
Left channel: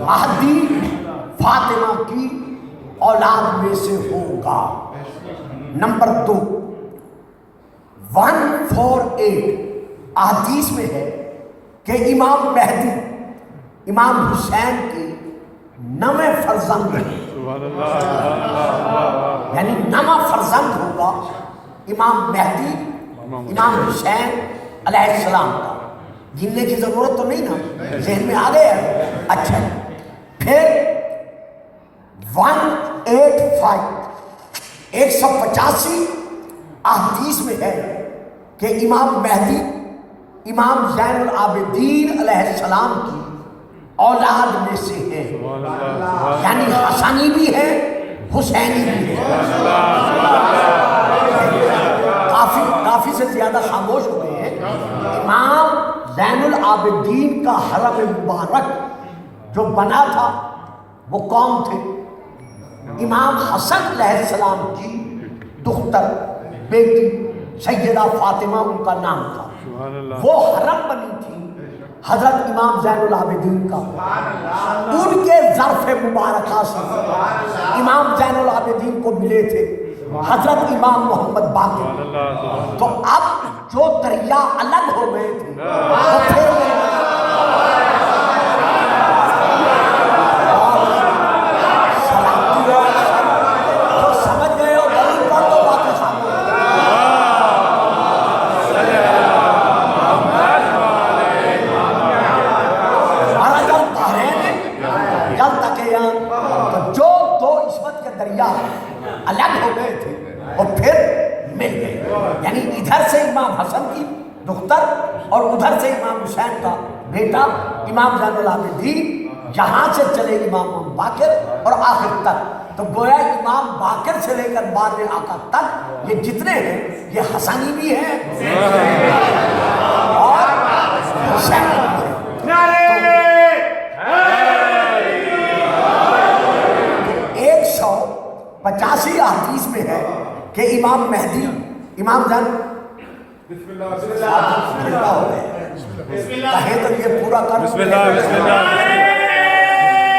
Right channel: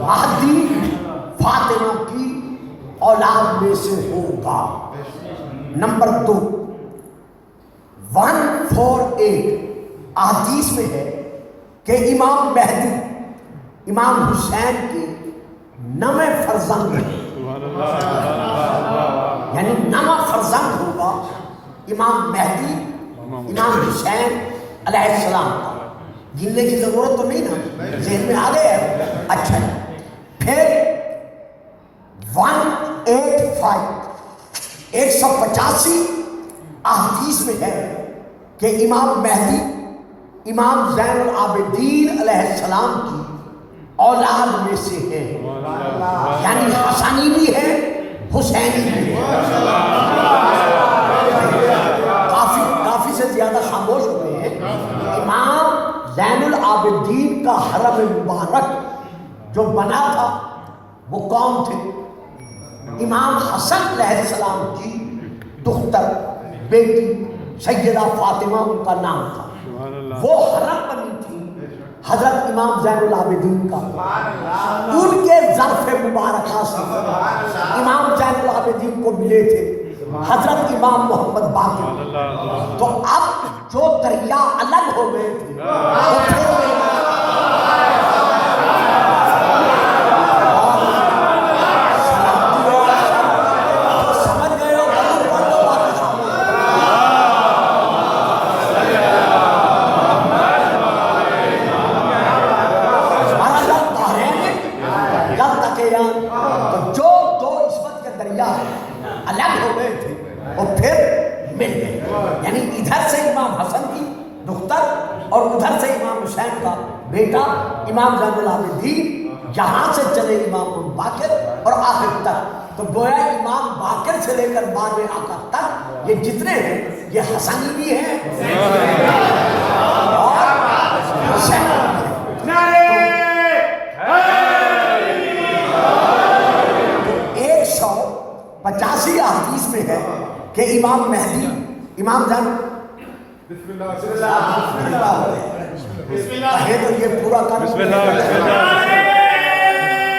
مہدی فاطمہ کی اولاد میں سے ہوگا. نمبر 2 148 احادیث میں ہے کہ امام مہدی امام حسین کے 9 فرزند ہیں. یعنی 9 فرزند ہوگا امام مہدی امام حسین علیہ السلام کا. گننے کی ضرورت تو نہیں نا، ذہن میں آ گیا. اچھا پھر 185 احادیث میں ہے کہ امام مہدی امام زین العابدین علیہ السلام کی اولاد میں سے ہے. یعنی حسنی بھی ہے حسینی بھی ہے. کافی سے زیادہ خاموش ہوئے ہیں. امام زین العابدین کا حرم مبارک جو بنا تھا وہ کون تھے؟ امام حسن علیہ السلام کی دختر بیٹی سیدہ فاطمہ ان کا نام تھا. وہ حرم بنی تھی حضرت امام زین العابدین کا. ان کے ظرف مبارکہ سے امام زین العابدین کو ملے تھے حضرت امام محمد باقر. تو اب جو دریا الگ ہو گئے تھے بیٹا امام زین العابدین یہاں سے چلے امام باقر اور آخر تک. تو گویا امام باقر سے لے کر بعد میں آقا تک یہ جتنے ہیں یہ حسنی بھی ہیں اور حسینی بھی ہیں. 150 85 احادیث میں ہے کہ امام مہدی امام جان بسم اللہ بسم اللہ بسم اللہ ہے تو یہ پورا کر بسم اللہ بسم اللہ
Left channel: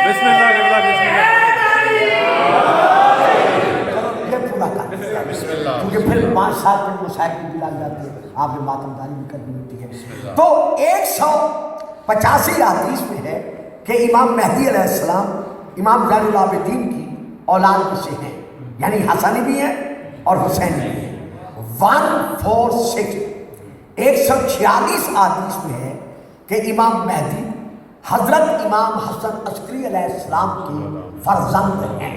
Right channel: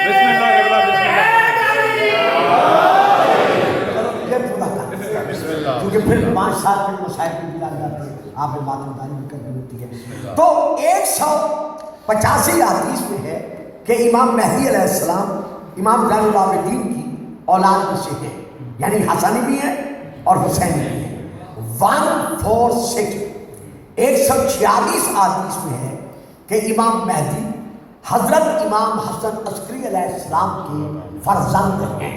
بسم اللہ یہ پورا کر کیونکہ پھر 5 سال کے مسائل بھی لگ جاتے ہیں، آپ نے ماتم دانی بھی کرنی ہوتی ہے۔ تو 185 حدیث میں ہے کہ امام مہدی علیہ السلام امام زین العابدین کی اولاد میں سے ہے، یعنی حسنی بھی ہے اور حسینی بھی ہے۔ 146 146 حدیث میں ہے کہ امام مہدی حضرت امام حسن عسکری علیہ السلام کے فرزند ہیں،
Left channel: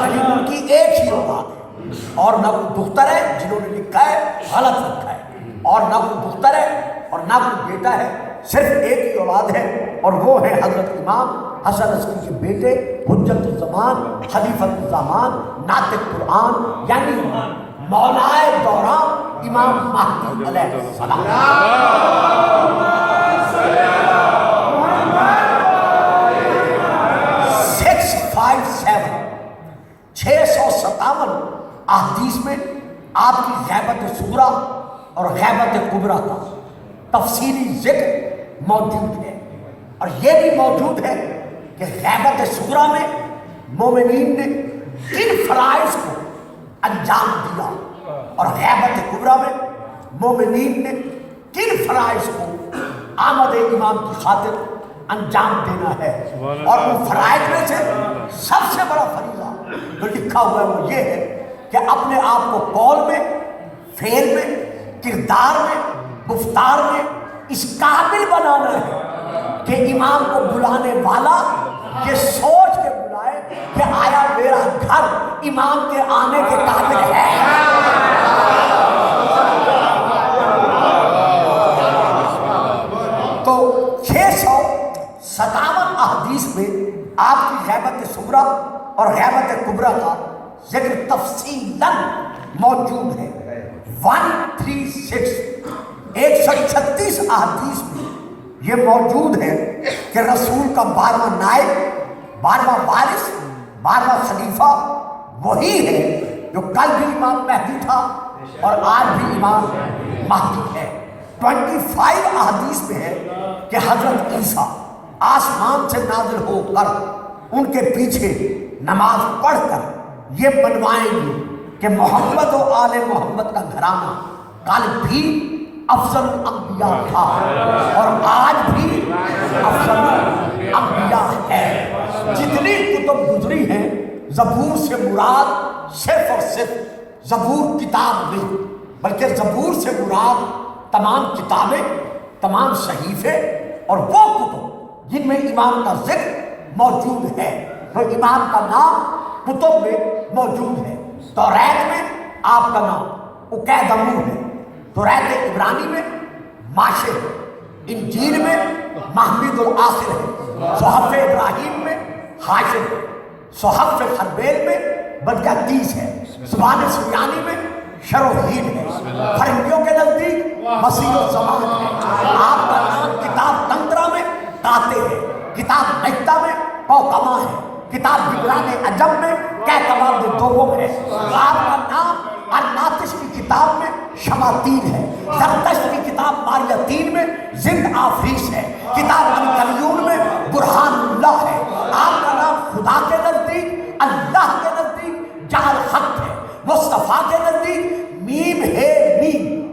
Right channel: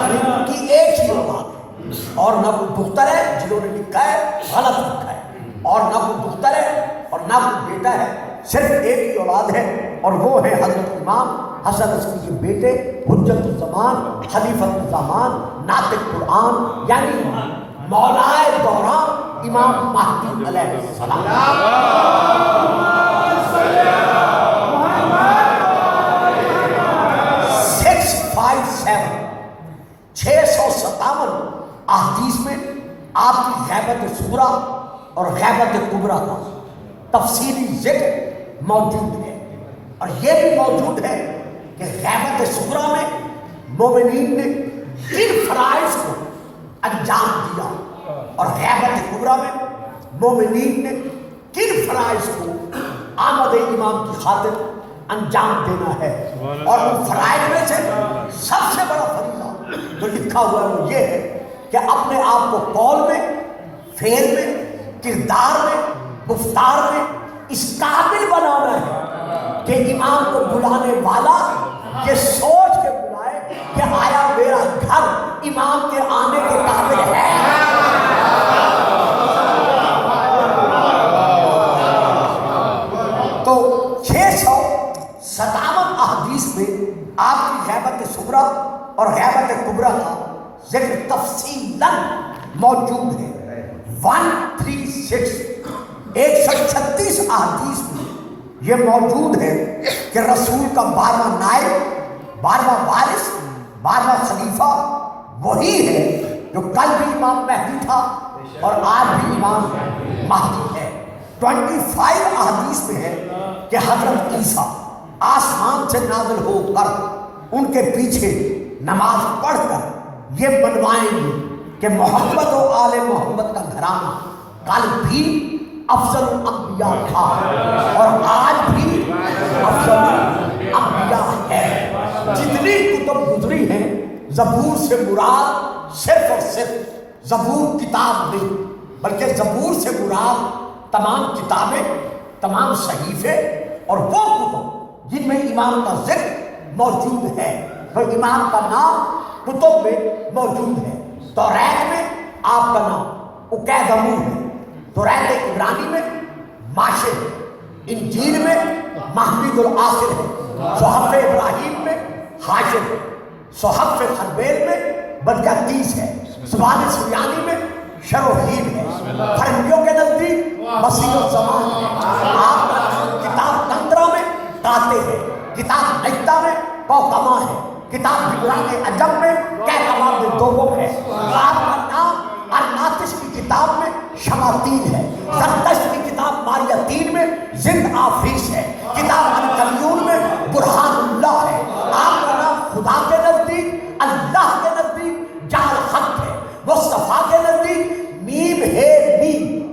یعنی ان کی ایک ہی اولاد ہے، اور نہ کوئی دختر ہے، جنہوں نے لکھا ہے غلط لکھا ہے، اور نہ کوئی دختر ہے اور نہ کوئی بیٹا ہے، صرف ایک ہی اولاد ہے، اور وہ ہے حضرت امام حسن عسکری کے بیٹے، حجت الزمان، خلیفۃ الزمان، ناطق قرآن، یعنی مولائے دوران امام مہدی علیہ السلام۔ 657 احادیث میں آپ کی غیبت صغریٰ اور غیبت کبریٰ کا تفصیلی ذکر موجود ہے، اور یہ بھی موجود ہے کہ غیبت صغریٰ میں مومنین نے کن فرائض کو انجام دیا، اور غیبت کبریٰ میں مومنین نے کن فرائض کو آمد امام کی خاطر انجام دینا ہے۔ اور ان فرائض میں سے سب سے بڑا فریضہ جو لکھا ہوا ہے وہ یہ ہے کہ اپنے آپ کو قول میں، فعل میں، کردار میں، گفتار میں اس قابل بنانا ہے کہ امام کو بلانے والا یہ سوچ کے بلائے کہ آیا میرا گھر امام کے آنے کے قابل ہے۔ تو 657 احادیث میں آپ کی غیبت صغریٰ اور غیبت کبریٰ کا ذکر تفصیلاً موجود ہے۔ 136 136 احادیث میں یہ موجود ہے کہ رسول کا 12واں نائب، 12واں وارث، 12واں خلیفہ وہی ہے جو کل بھی امام مہدی تھا اور آج بھی امام مہدی ہے۔ 25 احادیث میں ہے کہ حضرت عیسیٰ آسمان سے نازل ہو کر ان کے پیچھے نماز پڑھ کر یہ بنوائیں گے کہ محمد و آل محمد کا گھرانہ کل بھی افضل الانبیاء تھا اور آج بھی افضل الانبیاء ہے۔ جتنی کتب گزری ہیں زبور سے مراد صرف اور صرف زبور کتاب نہیں، بلکہ زبور سے مراد تمام کتابیں، تمام صحیفے اور وہ کتب جن میں امام کا ذکر موجود ہے، وہ امام کا نام کتب میں موجود ہے۔ توریت میں آپ کا نام اکیدمون ہے، توریت عبرانی میں ماشر ہے، انجیل میں محمد الآخر ہے، صحف ابراہیم میں حاشر ہے، صحف خربیل میں بدجاتیس ہے، زبان سریانی میں شروحید ہے، فرنگیوں کے نزدیک مسیح الزمان ہے، آپ کا کتاب تندرہ میں قاطع ہے، کتاب نجدہ میں پوتما ہے، کتاب جبران عجم میں کہتمام دوم ہے، آپ کا نام الناطش کی کتاب میں شماتین ہے، زرتشت کی کتاب ماریتین میں زند آفریس ہے، کتاب القلیون میں برہان اللہ ہے، آپ کا نام خدا کے نزدیک، اللہ کے نزدیک جعل خط ہے، مصطفیٰ کے نزدیک میم ہے میم،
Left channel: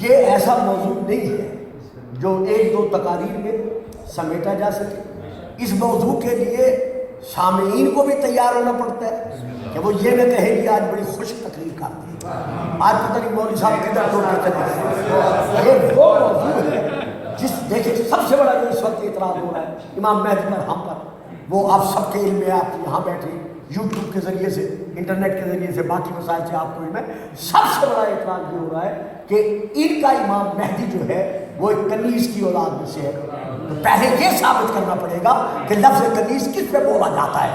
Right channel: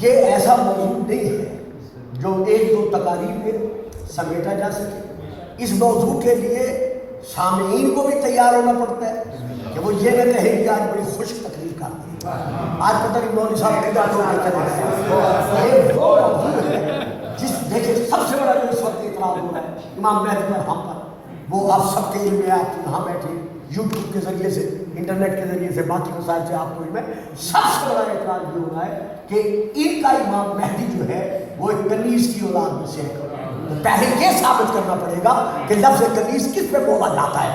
یہ ایسا موضوع نہیں ہے جو ایک دو تقاریر میں سمیٹا جا سکے. اس موضوع کے لیے سامعین کو بھی تیار ہونا پڑتا ہے کہ وہ یہ نہ کہیں کہ آج بڑی خوش تقریر کرتے ہیں, آج پتہ نہیں مولوی صاحب یہ وہ موضوع ہے جس دیکھیں سب سے بڑا جو اس وقت اعتراض ہو رہا ہے امام مہدی مرحوم پر. وہ آپ سب کے علم میں, آپ یہاں بیٹھے یوٹیوب کے ذریعے سے, انٹرنیٹ کے ذریعے سے, باقی وسائل سے آپ کو علم ہے. سب سے بڑا اعتراض یہ ہو رہا ہے کہ ان کا امام مہدی جو ہے وہ ایک کنیز کی اولاد میں سے ہے. پہلے یہ ثابت کرنا پڑے گا کہ لفظ کنیز کس پہ بولا جاتا ہے.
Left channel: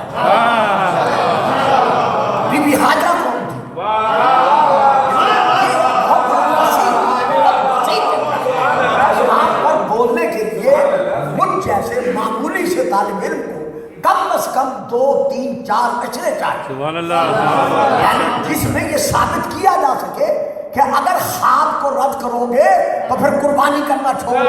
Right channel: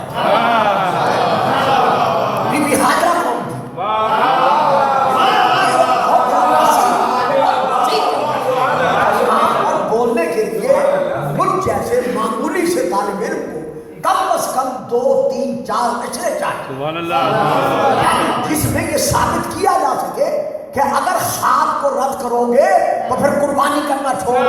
بی بی حاجرہ کون تھی؟ اور بولنے کے لیے مجھ جیسے معمولی سے طالب علم کو کم از کم 2 3 4 اشرے چاہیے, سبحان اللہ, جس میں یہ ثابت کیا جا سکے کہ اگر خواب کو رد کرو گے تو پھر قربانی کرنا چھوڑ دو.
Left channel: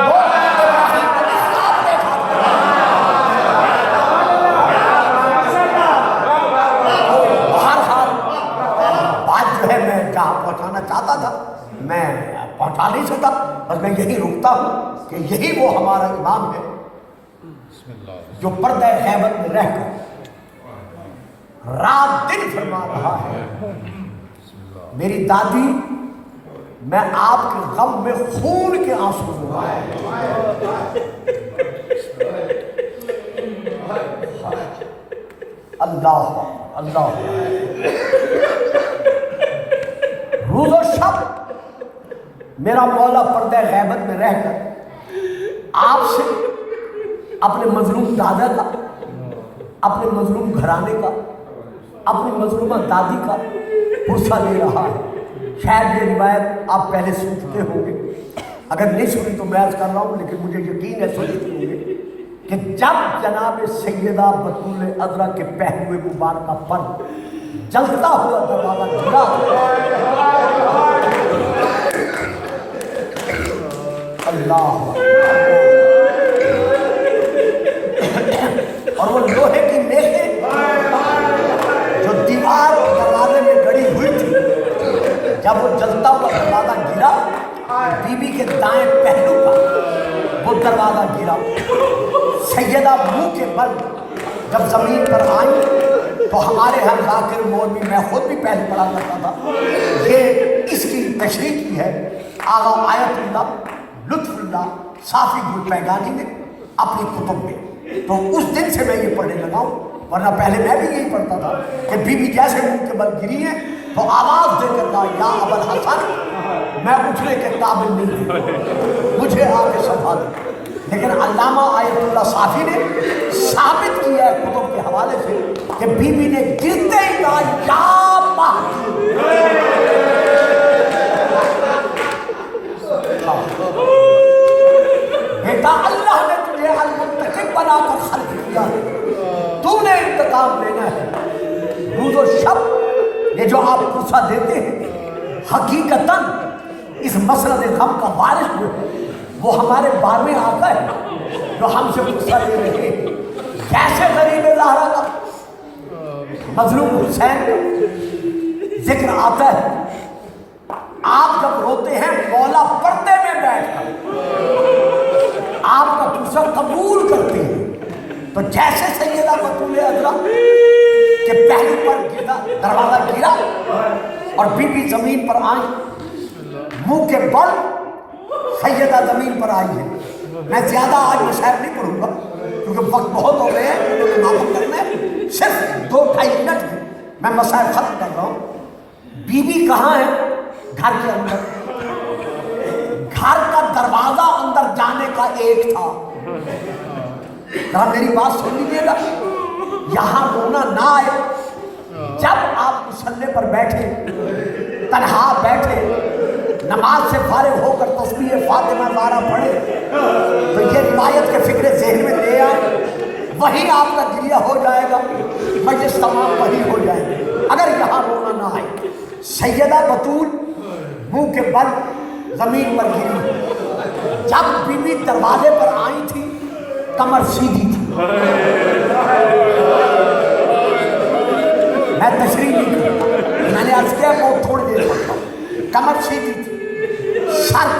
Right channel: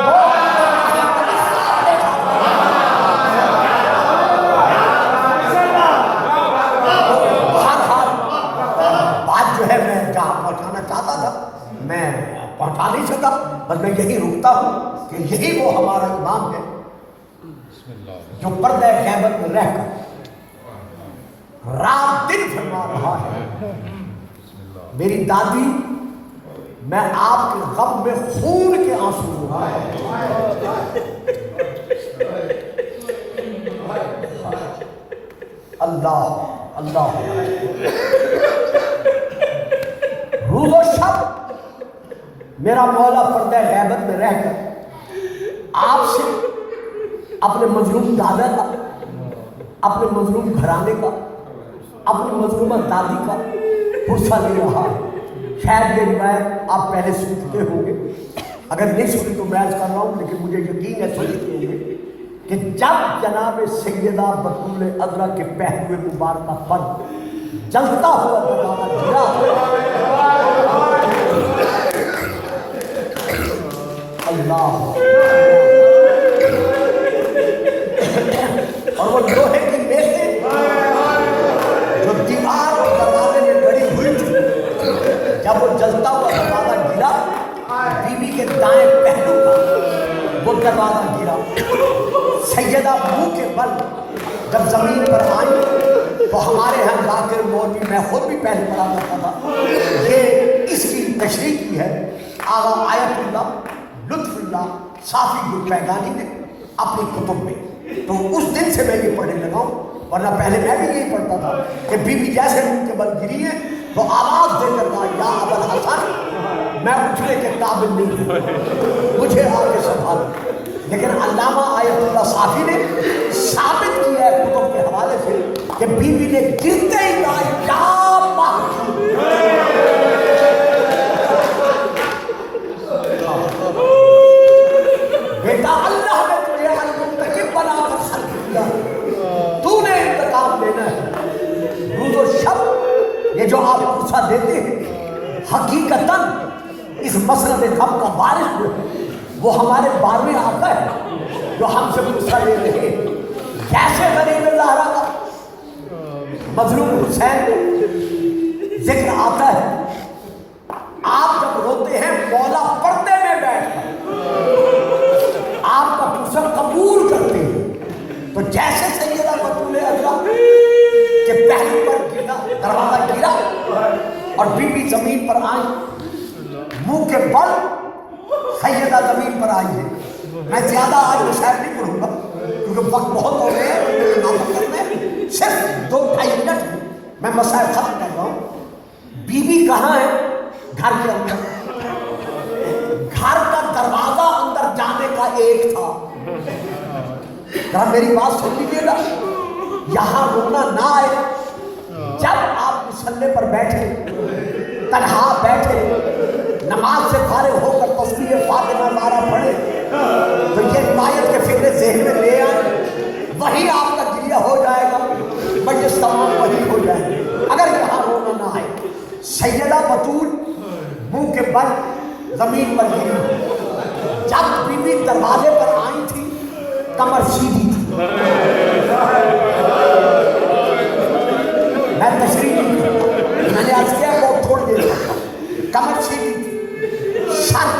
بات جو ہے میں جہاں پہنچانا چاہتا تھا میں پہنچا نہیں سکتا, بس میں یہی رکتا ہوں کہ یہی وہ ہمارا امام ہے جو پردہ غیبت میں رہ کر رات دن فرما رہا ہے. میری دادی, میں آپ کے غم میں خون کے آنسو ہوں. اللہ اللہ, روز و شب میرا مولا پردہ غیبت میں رہ کر آپ سے اپنے مظلوم دادا کا, اپنے مظلوم گھرانے کا, اپنی مظلومہ دادی کا پرسہ لے رہا ہے. خیر یہ روایت آپ پہلے سن چکے ہوں گے, اگر نہیں سنی تو میں عرض کر رہا ہوں, لیکن مجھے یقین ہے سن چکے ہوں گے کہ جب جناب سیدہ بطول عذرا کے پہلوے مبارکہ پر جلتا ہوا دروازہ اللہ, اور وہ لوہے کی میخیں جو دیوار کے دروازے میں گڑی ہوئی تھی, جب وہ جلتا ہوا دروازہ گرا, بی بی کے دائیں پہلو پر وہ دروازہ گرا. سیدہ منہ کے بل جب زمین پر آئی تو ہمارے ہم ذاکر مولوی, میں خود بھی پہلے پڑھا کرتا تھا, یہ اس کی تشریح کی ہے آغا آیت اللہ لطف اللہ صافی گلپیگانی نے اپنی کتب میں. تو اس دن سے میں یہ پڑھنے لگا ہوں, ورنہ پہلے میں بھی یہی پڑھتا تھا کہ بی بی جیسے منہ کے بل گری ہے تو آواز دے کر کہا یا ابوالحسن میں اٹھنے کے قابل نہیں ہوں, مجھے آگے سنبھالو. لیکن علامہ آیت اللہ صافی نے ثابت کیا ہے کتب کے حوالے سے کہ بی بی نے گرتے ہی کہا یا بیٹا اللہ نے تجھے المنتقم بنا کر خلق کیا, تو نے انتقام لینا ہے. روز و شب یہ جو آپ پرسہ دیتے ہیں حقیقتاً اس مسند غم کا وارث جو ہے وہ ہمارے 12ویں آقا ہے جو ہم سے پرسہ لے رہے ہیں. کیسے غریب زہرا کا مظلوم حسین ذکر آتا ہے, آپ جب روتے ہیں مولا پردے میں بیٹھ کر آپ کا پرسہ قبول کرتے ہیں, تو جیسے سیدہ بطول عذرا کے پہلو پر گرا, دروازہ گرا اور بی بی زمین پر آئی, منہ کے بل سیدہ زمین پر آئی ہے. میں زیادہ آج مشاہد نہیں پڑھوں گا کیونکہ وقت بہت ہو گئے ہیں, مجھے معلوم کرنا ہے صرف 2-2.5 منٹ میں میں مسائل ختم کر رہا ہوں. بی بی کہاں ہے؟ گھر کے اندر. گھر کا دروازہ اندر جانے کا ایک تھا. ذرا میری بات سن لیجیے گا, یہاں رونا نہ آئے. جب آپ مصلی پر بیٹھے, تنہا بیٹھے, نماز سے فارغ ہو کر تسبیح فاطمہ بارہ پڑھے تو یہ روایت کے فکر ذہن میں لے آئے, وہی آپ کا گریہ ہو جائے گا, مجلس تمام وہی ہو جائے گی. اگر یہاں رونا نہ آئے. سیدہ بطول منہ کے بل زمین پر گری. جب بی بی دروازے پر آئی تھی کمر سیدھی تھی. میں تشریح نہیں کروں, میں نے عرض کیا وہ تھوڑی دیر کمر سیدھی تھی, سر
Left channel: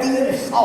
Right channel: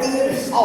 300,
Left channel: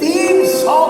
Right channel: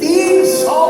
300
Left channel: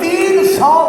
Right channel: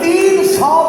300